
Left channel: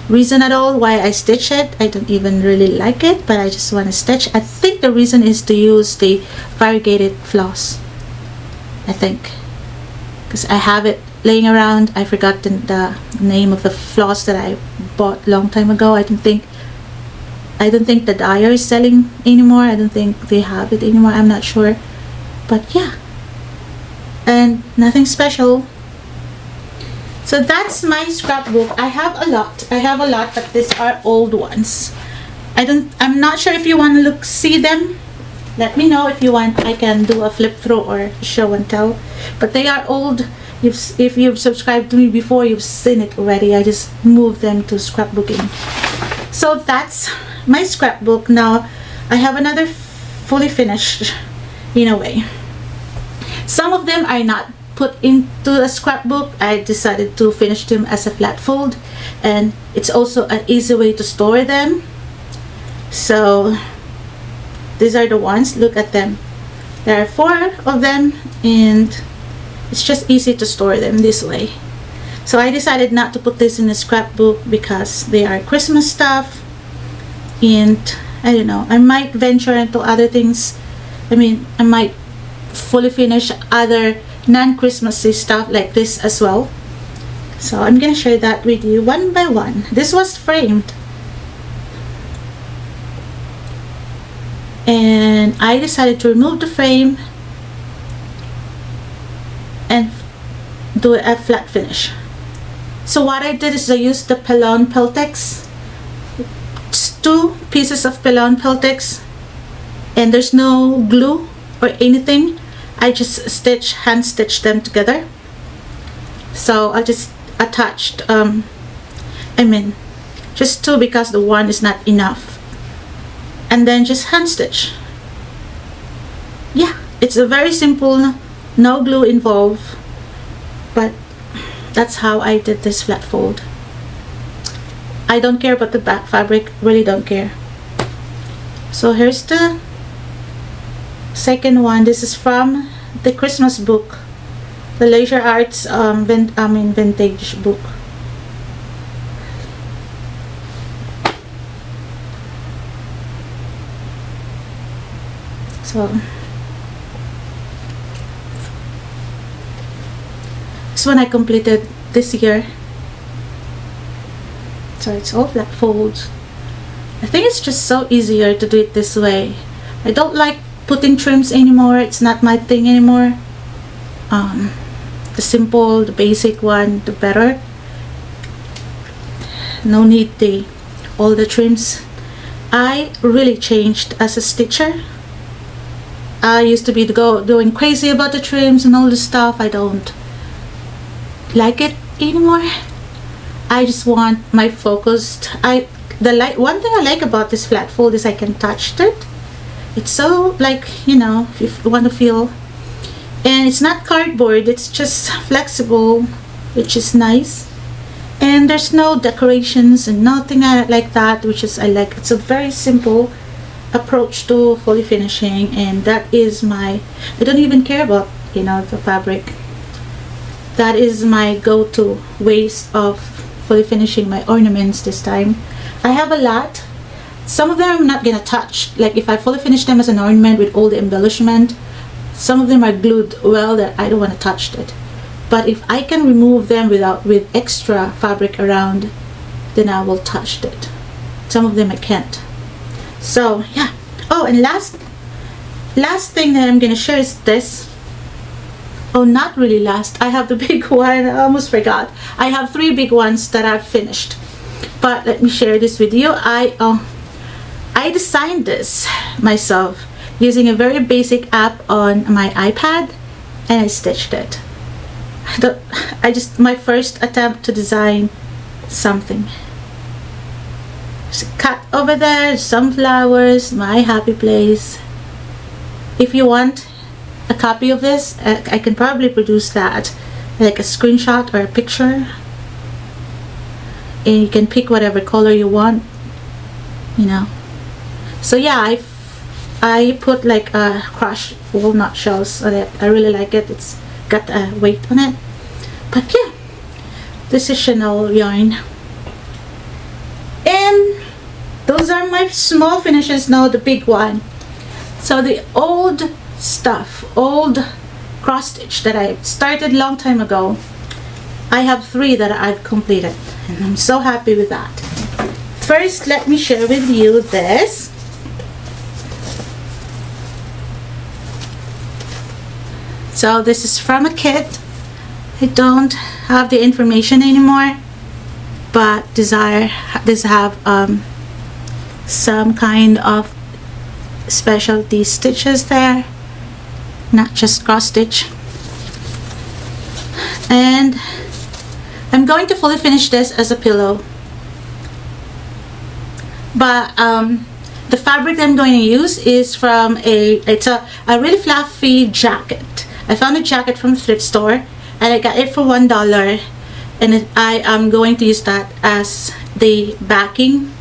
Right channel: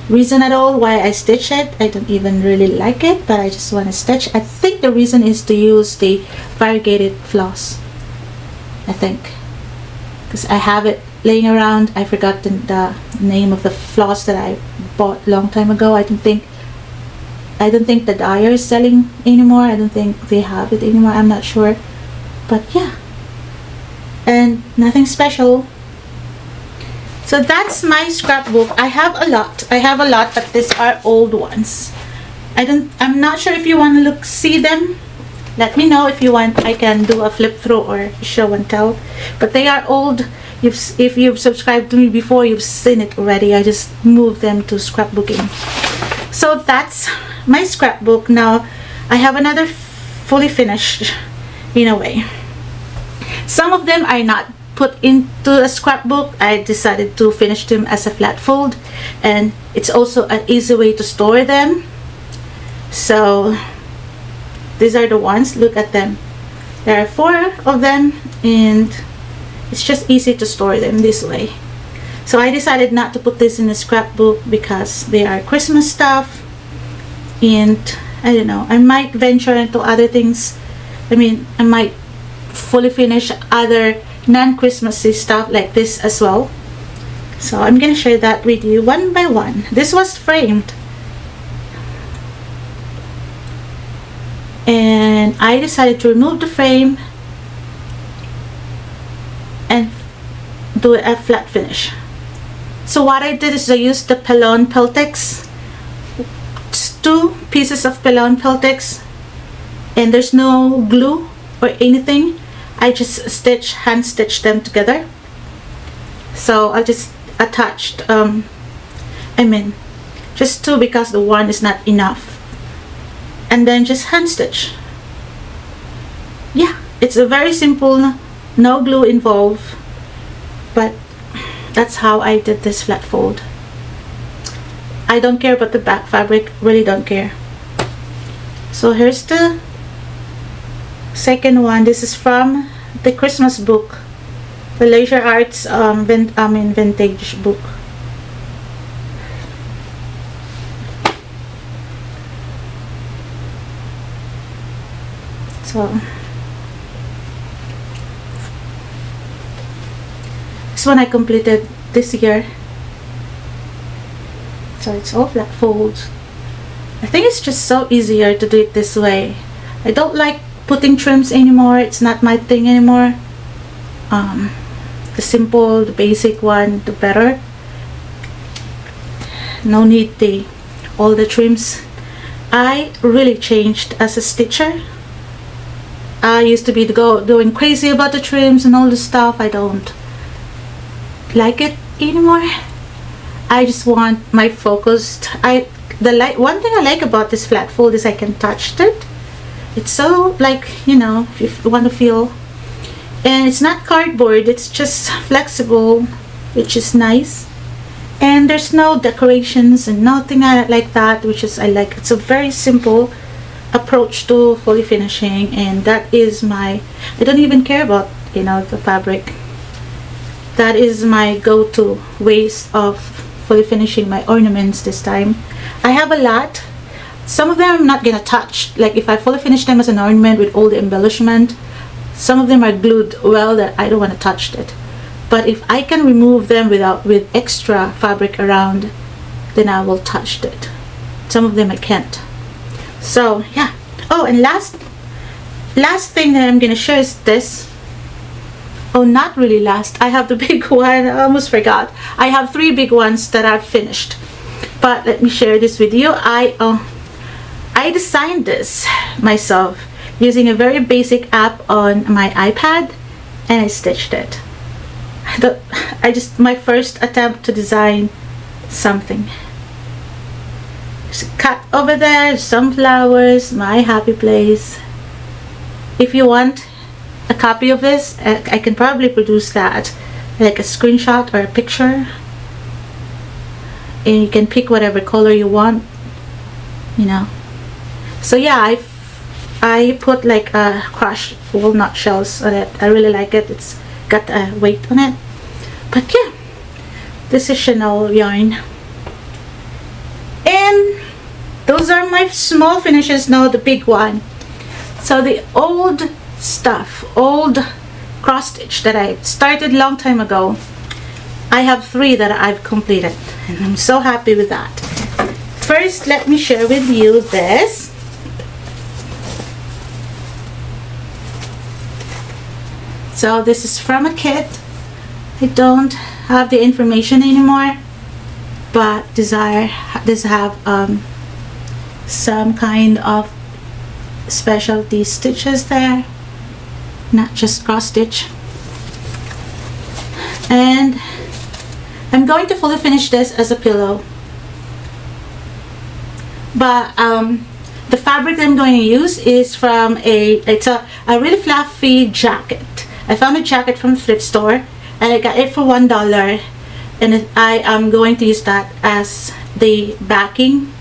reason at all why I stitch it. I don't even really like it, but I just want to stitch. I think the reason is to use the variegated floss. I think because I have it laying around. I forgot the name of the floss that I bought a long time ago. I don't think the dyer is selling anymore. I don't think they have it anymore. I'm not sure, but yeah, and nothing special. So that's my scrapbook. I have a lot, but these are old ones. I'm not sure if you want to see them. Let me know if you want. I can do a flip through or show and tell, but they are old. If you've subscribed to me before, you've seen it already. I just moved them to scrapbooking. So that's my scrapbook. Now I have another fully finished in a way. Some of them are not put into a scrapbook. I decided to finish them as a flat fold, and it's also an easy way to store them. So these are the ones. Look at them. There are 4 of them, and it's just easy to store them this way. So I decided not to put this in the scrapbook because they are Christmas stuff, and I don't know, I might venture into other things. I mean, I might fully finish other non-Christmassy stuff like this as well. So I'm gonna share that with you one by one. This was framed, and I decided to remove the frame and do a flat finish. So what I did is I used the Pelon Peltex, 2 pieces of Pelon Peltex, and there's no glue or anything. I just hand stitched them together. So I just attached just 2 because the one is not enough, and then just hand stitch. yeah, it's a very simple, no glue involved, but that's how I did this flat fold. I don't care about the back fabric, really don't care. So here's the second one. This is from the Christmas book, the Leisure Arts vintage book. So this one I completed this year. So it's all flat folds. I think it's just so easier to do it this way. I don't like putting trims anymore. It's not my thing anymore. The simple, the basic one, the better. No need all the trims. I really changed as a stitcher. I used to be doing crazy about the trims and all the stuff. I don't like it anymore. I just want my focused. One thing I like about this flat fold is I can touch it. It's so, like, you know, if you want to feel, and it's not cardboard, it's just flexible, which is nice. And there's no decorations and nothing like that, which is I like. It's a very simple approach to fully finishing, and that is I don't even care about, you know, the fabric. That is my go-to ways of fully finishing my ornaments this time. I have a lot. Some of them I'm not gonna touch. Like if I fully finish them as an ornament with all the embellishment, some of them are glued well that I don't want to touch it. But if I can remove them with extra fabric around, then I will touch it. Some of them I can't. So yeah. Oh, and last thing that I'm gonna show is this. Oh, not really last. I have the big one. I almost forgot. I have 3 big ones that I've finished. But let me share this with you. I designed this myself using a very basic app on my iPad, and I stitched it. My first attempt to design something. Just cut over there, some flowers, my happy place. If you want a copy of this, I can probably produce that, like a screenshot or a picture. And you can pick whatever color you want, you know. So yeah, I put like crushed walnut shells on it. I really like it. It's got a weight on it. But yeah, this is Chanel yarn. And those are my small finishes. Now the big one. So the old stuff, old cross stitch that I started long time ago, I have 3 that I've completed, and I'm so happy with that. First, let me share with you this. So this is from a kit. I don't have the information anymore, but these have some kind of specialty stitches there, not just cross stitch. And I'm going to fully finish this as a pillow, but the fabric I'm going to use is from it's a really fluffy jacket. I found a jacket from a thrift store and I got it for $1, and I am going to use that as the backing,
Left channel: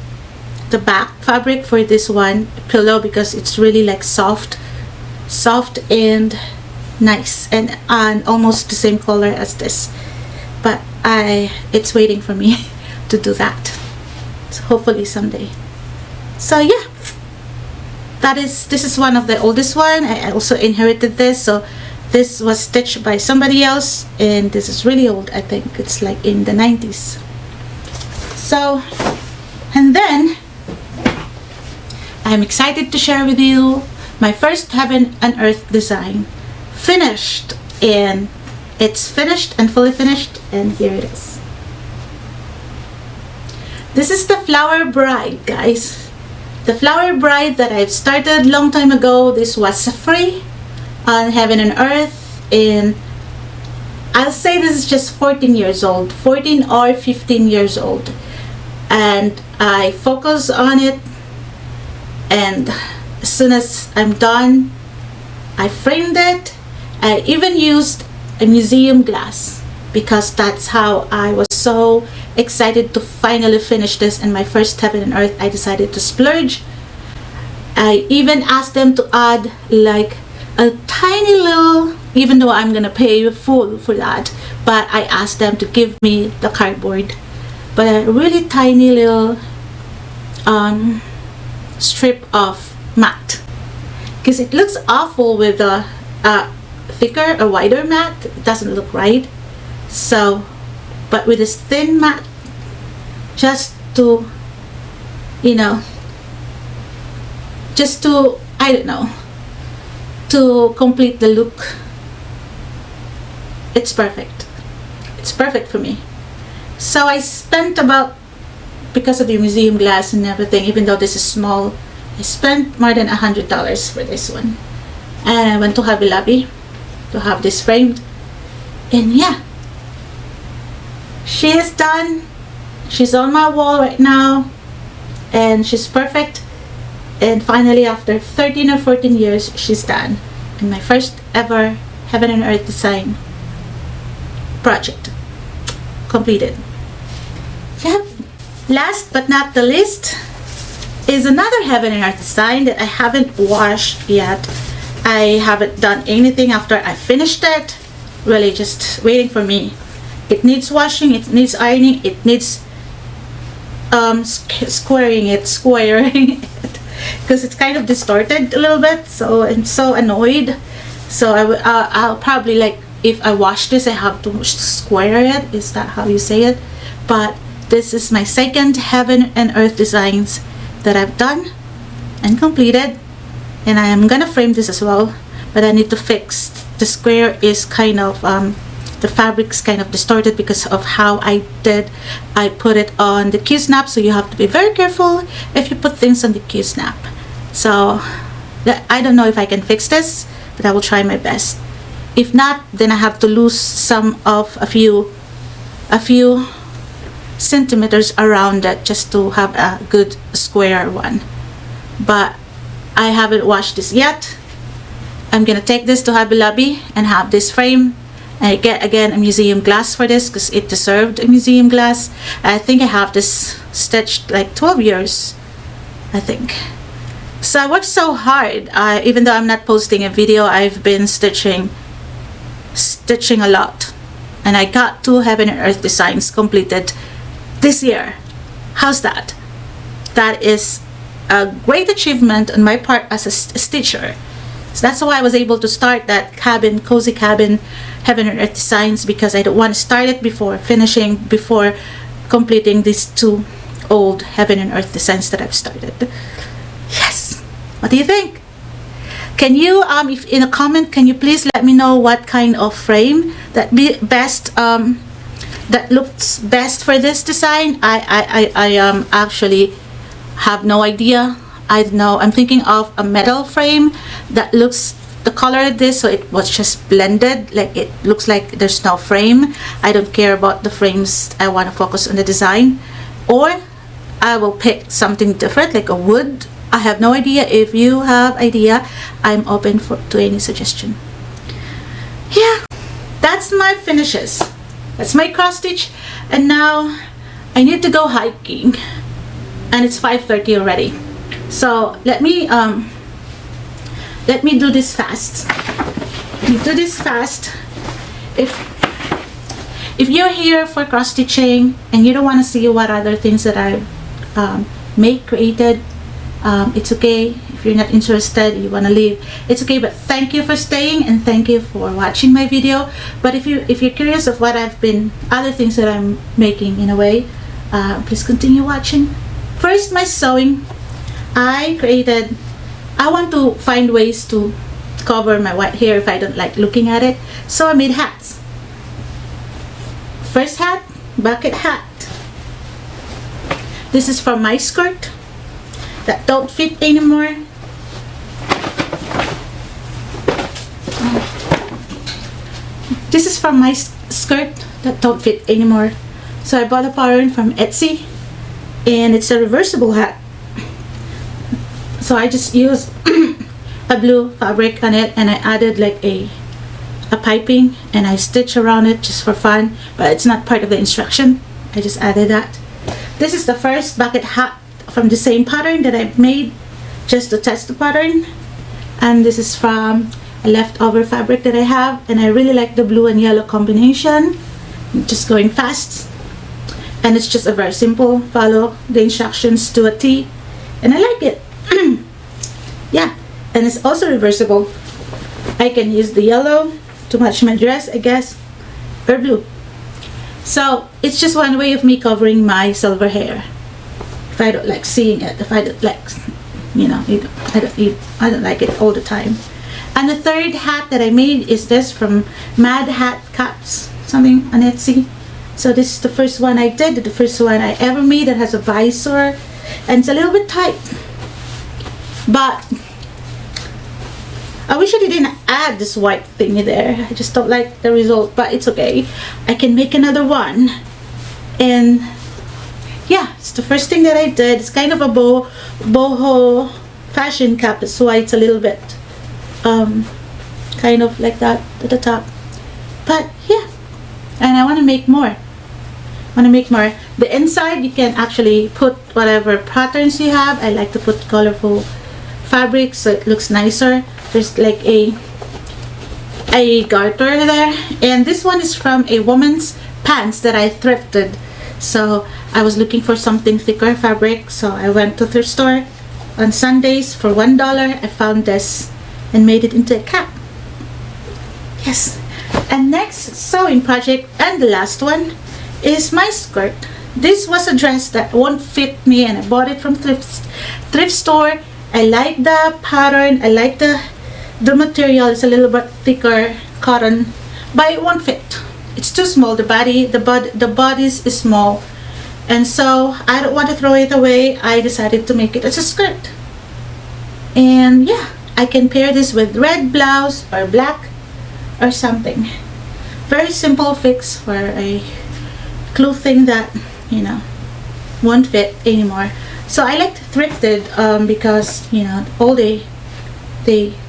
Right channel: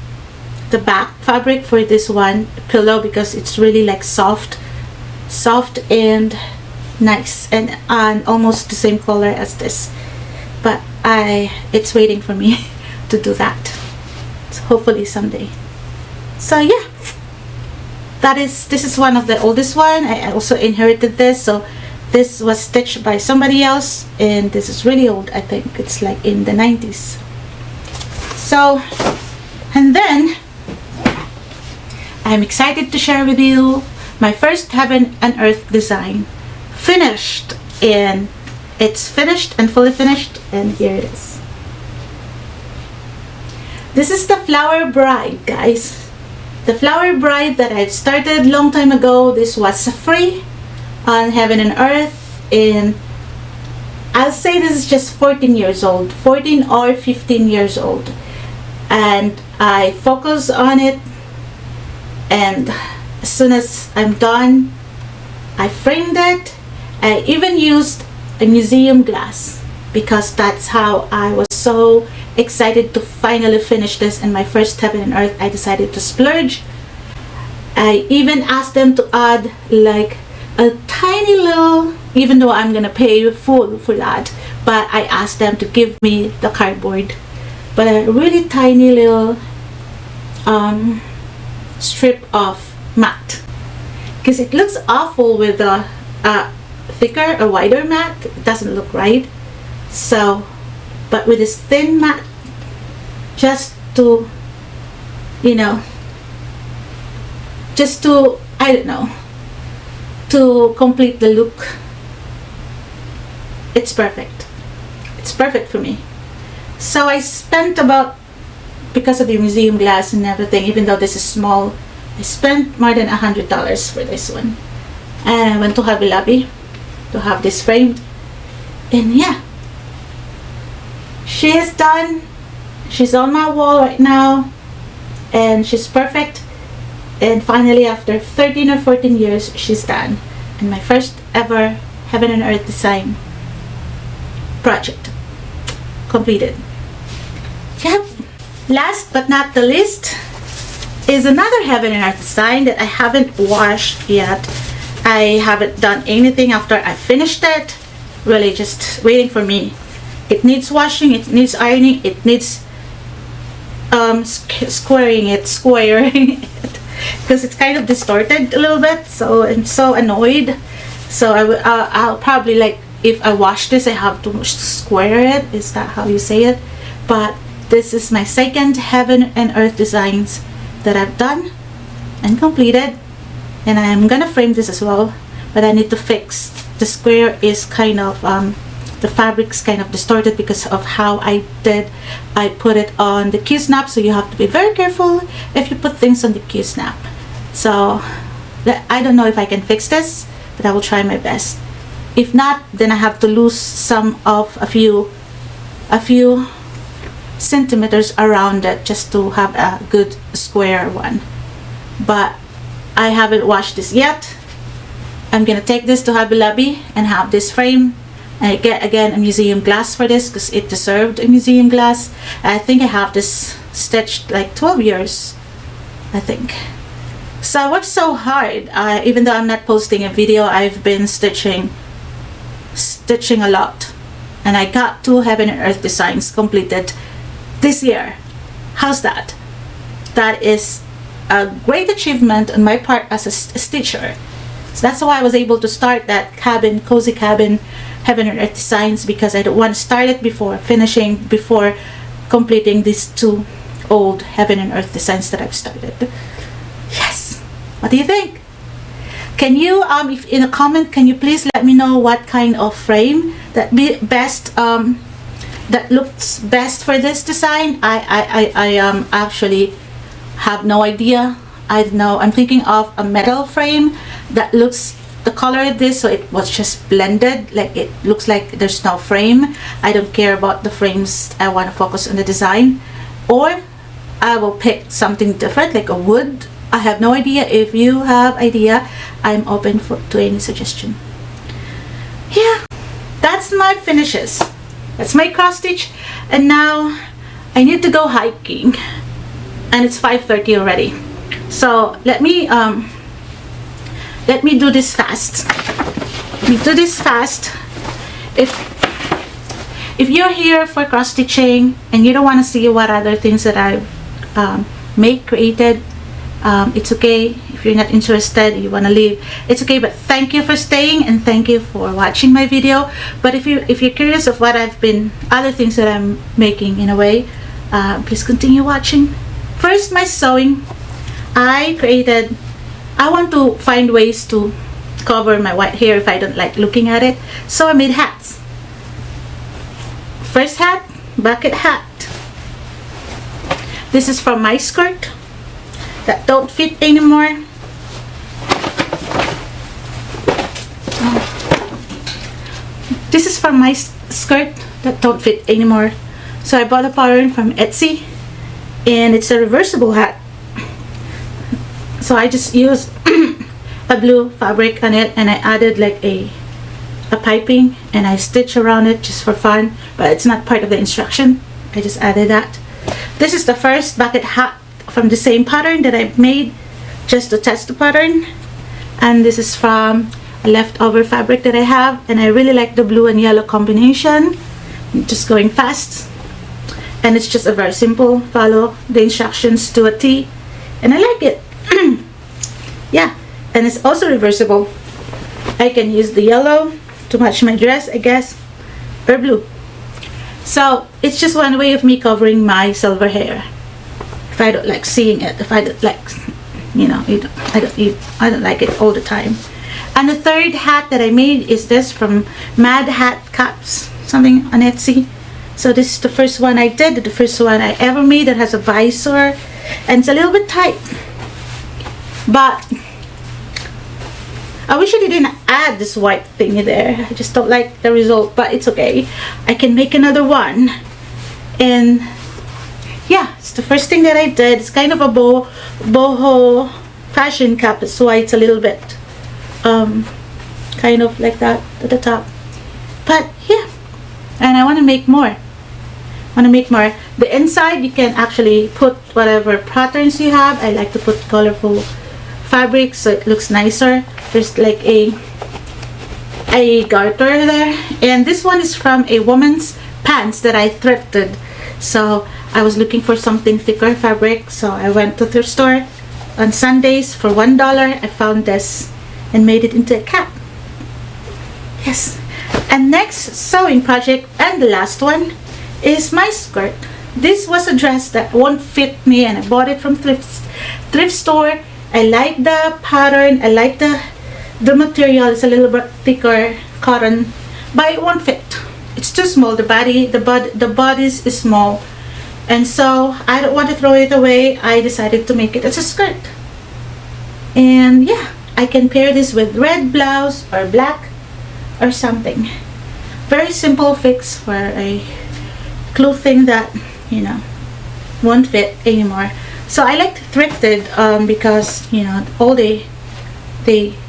the back fabric for this one pillow, because it's really like soft and nice, and almost the same color as this. But it's waiting for me to do that, so hopefully someday. So yeah, this is one of the oldest one. I also inherited this, so this was stitched by somebody else, and this is really old. I think it's like in the 90s. So, and then I'm excited to share with you my first Heaven and Earth design, finished, and it's finished and fully finished, and here it is. This is the Flower Bride, guys. The Flower Bride that I started long time ago. This was free on Heaven and Earth, and I'll say this is just 14 years old, 14 or 15 years old, and I focus on it, and as soon as I'm done, I framed it. I even used a museum glass because that's how I was so excited to finally finish this in my first Heaven and Earth. I decided to splurge. I even asked them to add like a tiny little, even though I'm gonna pay full for that, but I asked them to give me the cardboard, but a really tiny little strip of mat, because it looks awful with a thicker or wider mat. It doesn't look right. So, but with this thin mat, just to, you know, just to, I don't know, to complete the look, it's perfect. It's perfect for me. So I spent about, because of the museum glass and everything, even though this is small, I spent more than $100 for this one. And I went to Hobby Lobby to have this framed. And yeah, she is done. She's on my wall right now. And she's perfect. And finally, after 13 or 14 years, she's done. And my first ever Heaven and Earth design project completed. Yep. Last but not the least is another Heaven and Earth design that I haven't washed yet. I haven't done anything after I finished it. Really just waiting for me. It needs washing, it needs ironing, it needs squaring it, because it's kind of distorted a little bit, so I'm so annoyed. So I'll probably, like, if I wash this, I have to square it. Is that how you say it? But this is my second Heaven and Earth designs that I've done and completed, and I am gonna frame this as well, but I need to fix the square. Is kind of the fabric's kind of distorted because of how I put it on the Q-snap, so you have to be very careful if you put things on the Q-snap. So I don't know if I can fix this, but I will try my best. If not, then I have to lose a few centimeters around it just to have a good square one. But I haven't washed this yet. I'm gonna take this to Hobby Lobby and have this frame. I get again a museum glass for this because it deserved a museum glass. I think I have this stitched like 12 years, I think. So I worked so hard. Even though I'm not posting a video, I've been stitching a lot, and I got 2 Heaven and Earth designs completed this year. How's that? That is a great achievement on my part as a stitcher. So that's why I was able to start that cabin, cozy cabin Heaven and Earth designs, because I don't want to start it before completing these 2 old Heaven and Earth designs that I've started. Yes. What do you think? Can you, if in a comment, can you please let me know what kind of frame that that looks best for this design? I actually have no idea. I don't know. I'm thinking of a metal frame that looks the color of this, so it was just blended, like it looks like there's no frame. I don't care about the frames. I want to focus on the design. Or I will pick something different, like a wood. I have no idea. If you have idea, I'm open to any suggestion. Yeah, that's my finishes. That's my cross stitch. And now I need to go hiking, and it's 5:30 already. So let me do this fast. Let me do this fast. If you're here for cross stitching and you don't want to see what other things that I've created, it's okay. If you're not interested, you want to leave, it's okay. But thank you for staying, and thank you for watching my video. But if you're curious of what other things that I'm making in a way, please continue watching. First, my sewing. I want to find ways to cover my white hair if I don't like looking at it. So I made hats. First hat, bucket hat. This is from my skirt that don't fit anymore. This is from my skirt that don't fit anymore. So I bought a pattern from Etsy, and it's a reversible hat. So I just use a blue fabric on it, and I added like a piping, and I stitch around it just for fun, but it's not part of the instruction. I just added that. This is the first bucket hat from the same pattern that I made just to test the pattern, and this is from leftover fabric that I have, and I really like the blue and yellow combination. I'm just going fast, and it's just a very simple, follow the instructions to a T, and I like it. Yeah, and it's also reversible. I can use the yellow to match my dress, I guess, or blue. So it's just one way of me covering my silver hair. If I don't like seeing it, if I don't like, you know, I don't like it all the time. And the third hat that I made is this from Mad Hat Caps, something on Etsy. So this is the first one I did, the first one I ever made that has a visor, and it's a little bit tight. But I wish I didn't add this white thingy there. I just don't like the result, but it's okay. I can make another one. And yeah, it's the first thing that I did. It's kind of a boho fashion cap. That's why it's a little bit kind of like that at the top. But yeah, and I want to make more. The inside you can actually put whatever patterns you have. I like to put colorful fabric so it looks nicer. There's like a garter there, and this one is from a woman's pants that I thrifted. So I was looking for something thicker fabric, so I went to the thrift store on Sundays for $1. I found this and made it into a cap. Yes. And next sewing project, and the last one, is my skirt. This was a dress that won't fit me, and I bought it from thrift store. I like the pattern, I like the material. It's a little bit thicker cotton, but it won't fit. It's too small. The bodice is small, and so I don't want to throw it away. I decided to make it as a skirt. And yeah, I can pair this with red blouse or black or something. Very simple fix for a clothing that, you know, won't fit anymore. So I like to thrifted because, you know, all they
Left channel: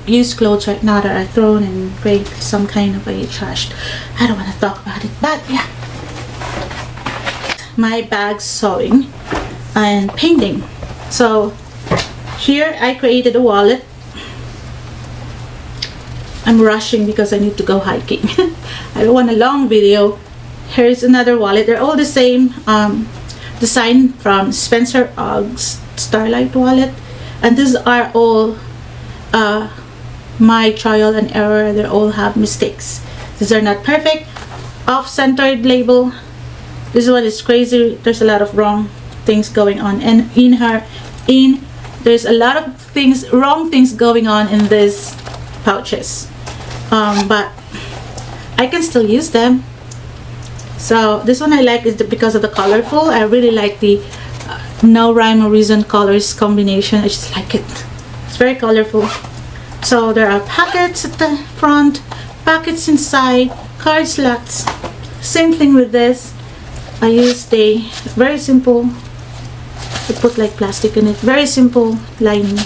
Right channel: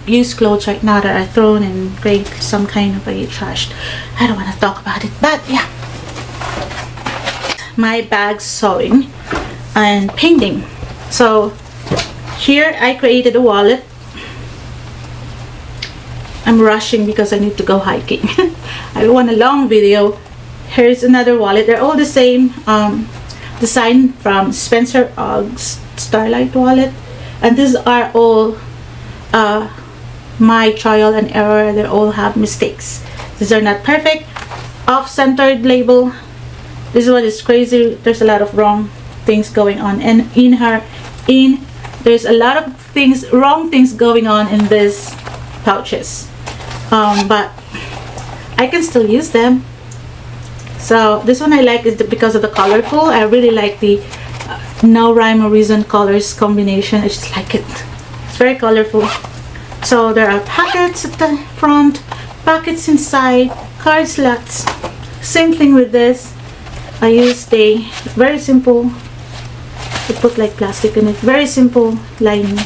use clothes right now that are thrown in great some kind of a trash. I don't want to talk about it, but yeah. My bag sewing and painting. So here I created a wallet. I'm rushing because I need to go hiking. I don't want a long video. Here's another wallet. They're all the same design from Spencer Ogg's Starlight wallet, and these are all my trial and error. They all have mistakes. These are not perfect. Off-centered label. This one is crazy. There's a lot of wrong things going on, and there's a lot of wrong things going on in these pouches, but I can still use them. So this one I like is because of the colorful. I really like the no rhyme or reason colors combination. I just like it. It's very colorful. So there are pockets at the front, pockets inside, card slots. Same thing with this. I used a very simple, I put like plastic in it, very simple lining.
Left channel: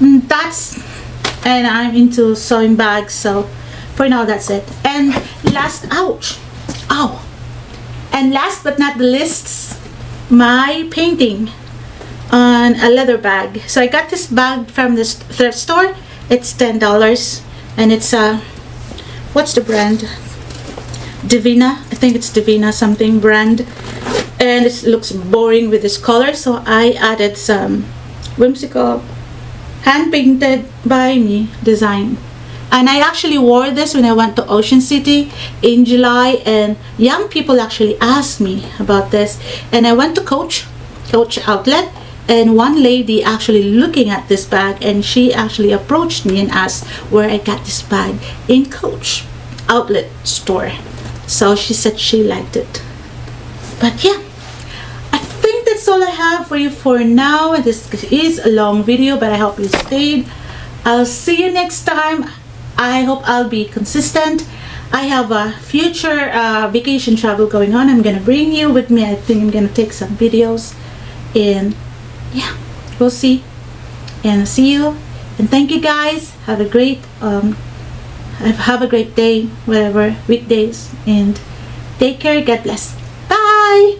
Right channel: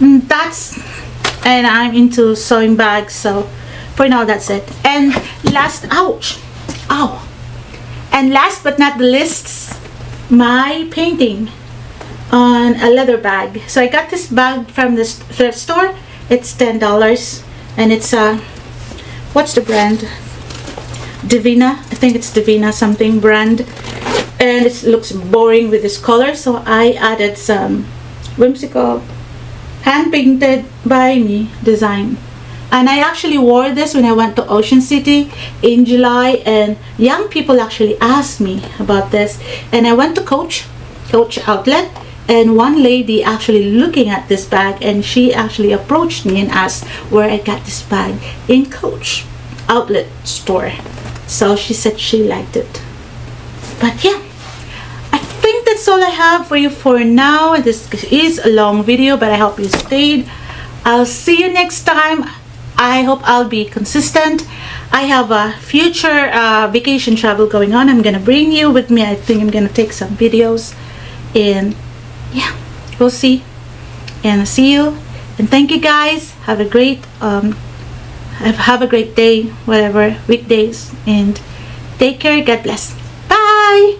And I'm into sewing bags, so for now that's it. And last but not the least, my painting on a leather bag. So I got this bag from this thrift store. It's $10, and it's what's the brand? Divina. I think it's Divina something brand, and it looks boring with this color, so I added some whimsical hand painted by me design. And I actually wore this when I went to Ocean City in July, and young people actually asked me about this. And I went to Coach Outlet, and one lady actually looking at this bag, and she actually approached me and asked where I got this bag in Coach Outlet store. So she said she liked it. But yeah, I think that's all I have for you for now. This is a long video, but I hope you stayed. I'll see you next time. I hope I'll be consistent. I have a future vacation travel going on. I'm gonna bring you with me. I think I'm gonna take some videos, and yeah, we'll see. And see you And thank you guys. Have a great day, whatever, weekdays, and take care. God bless. Bye.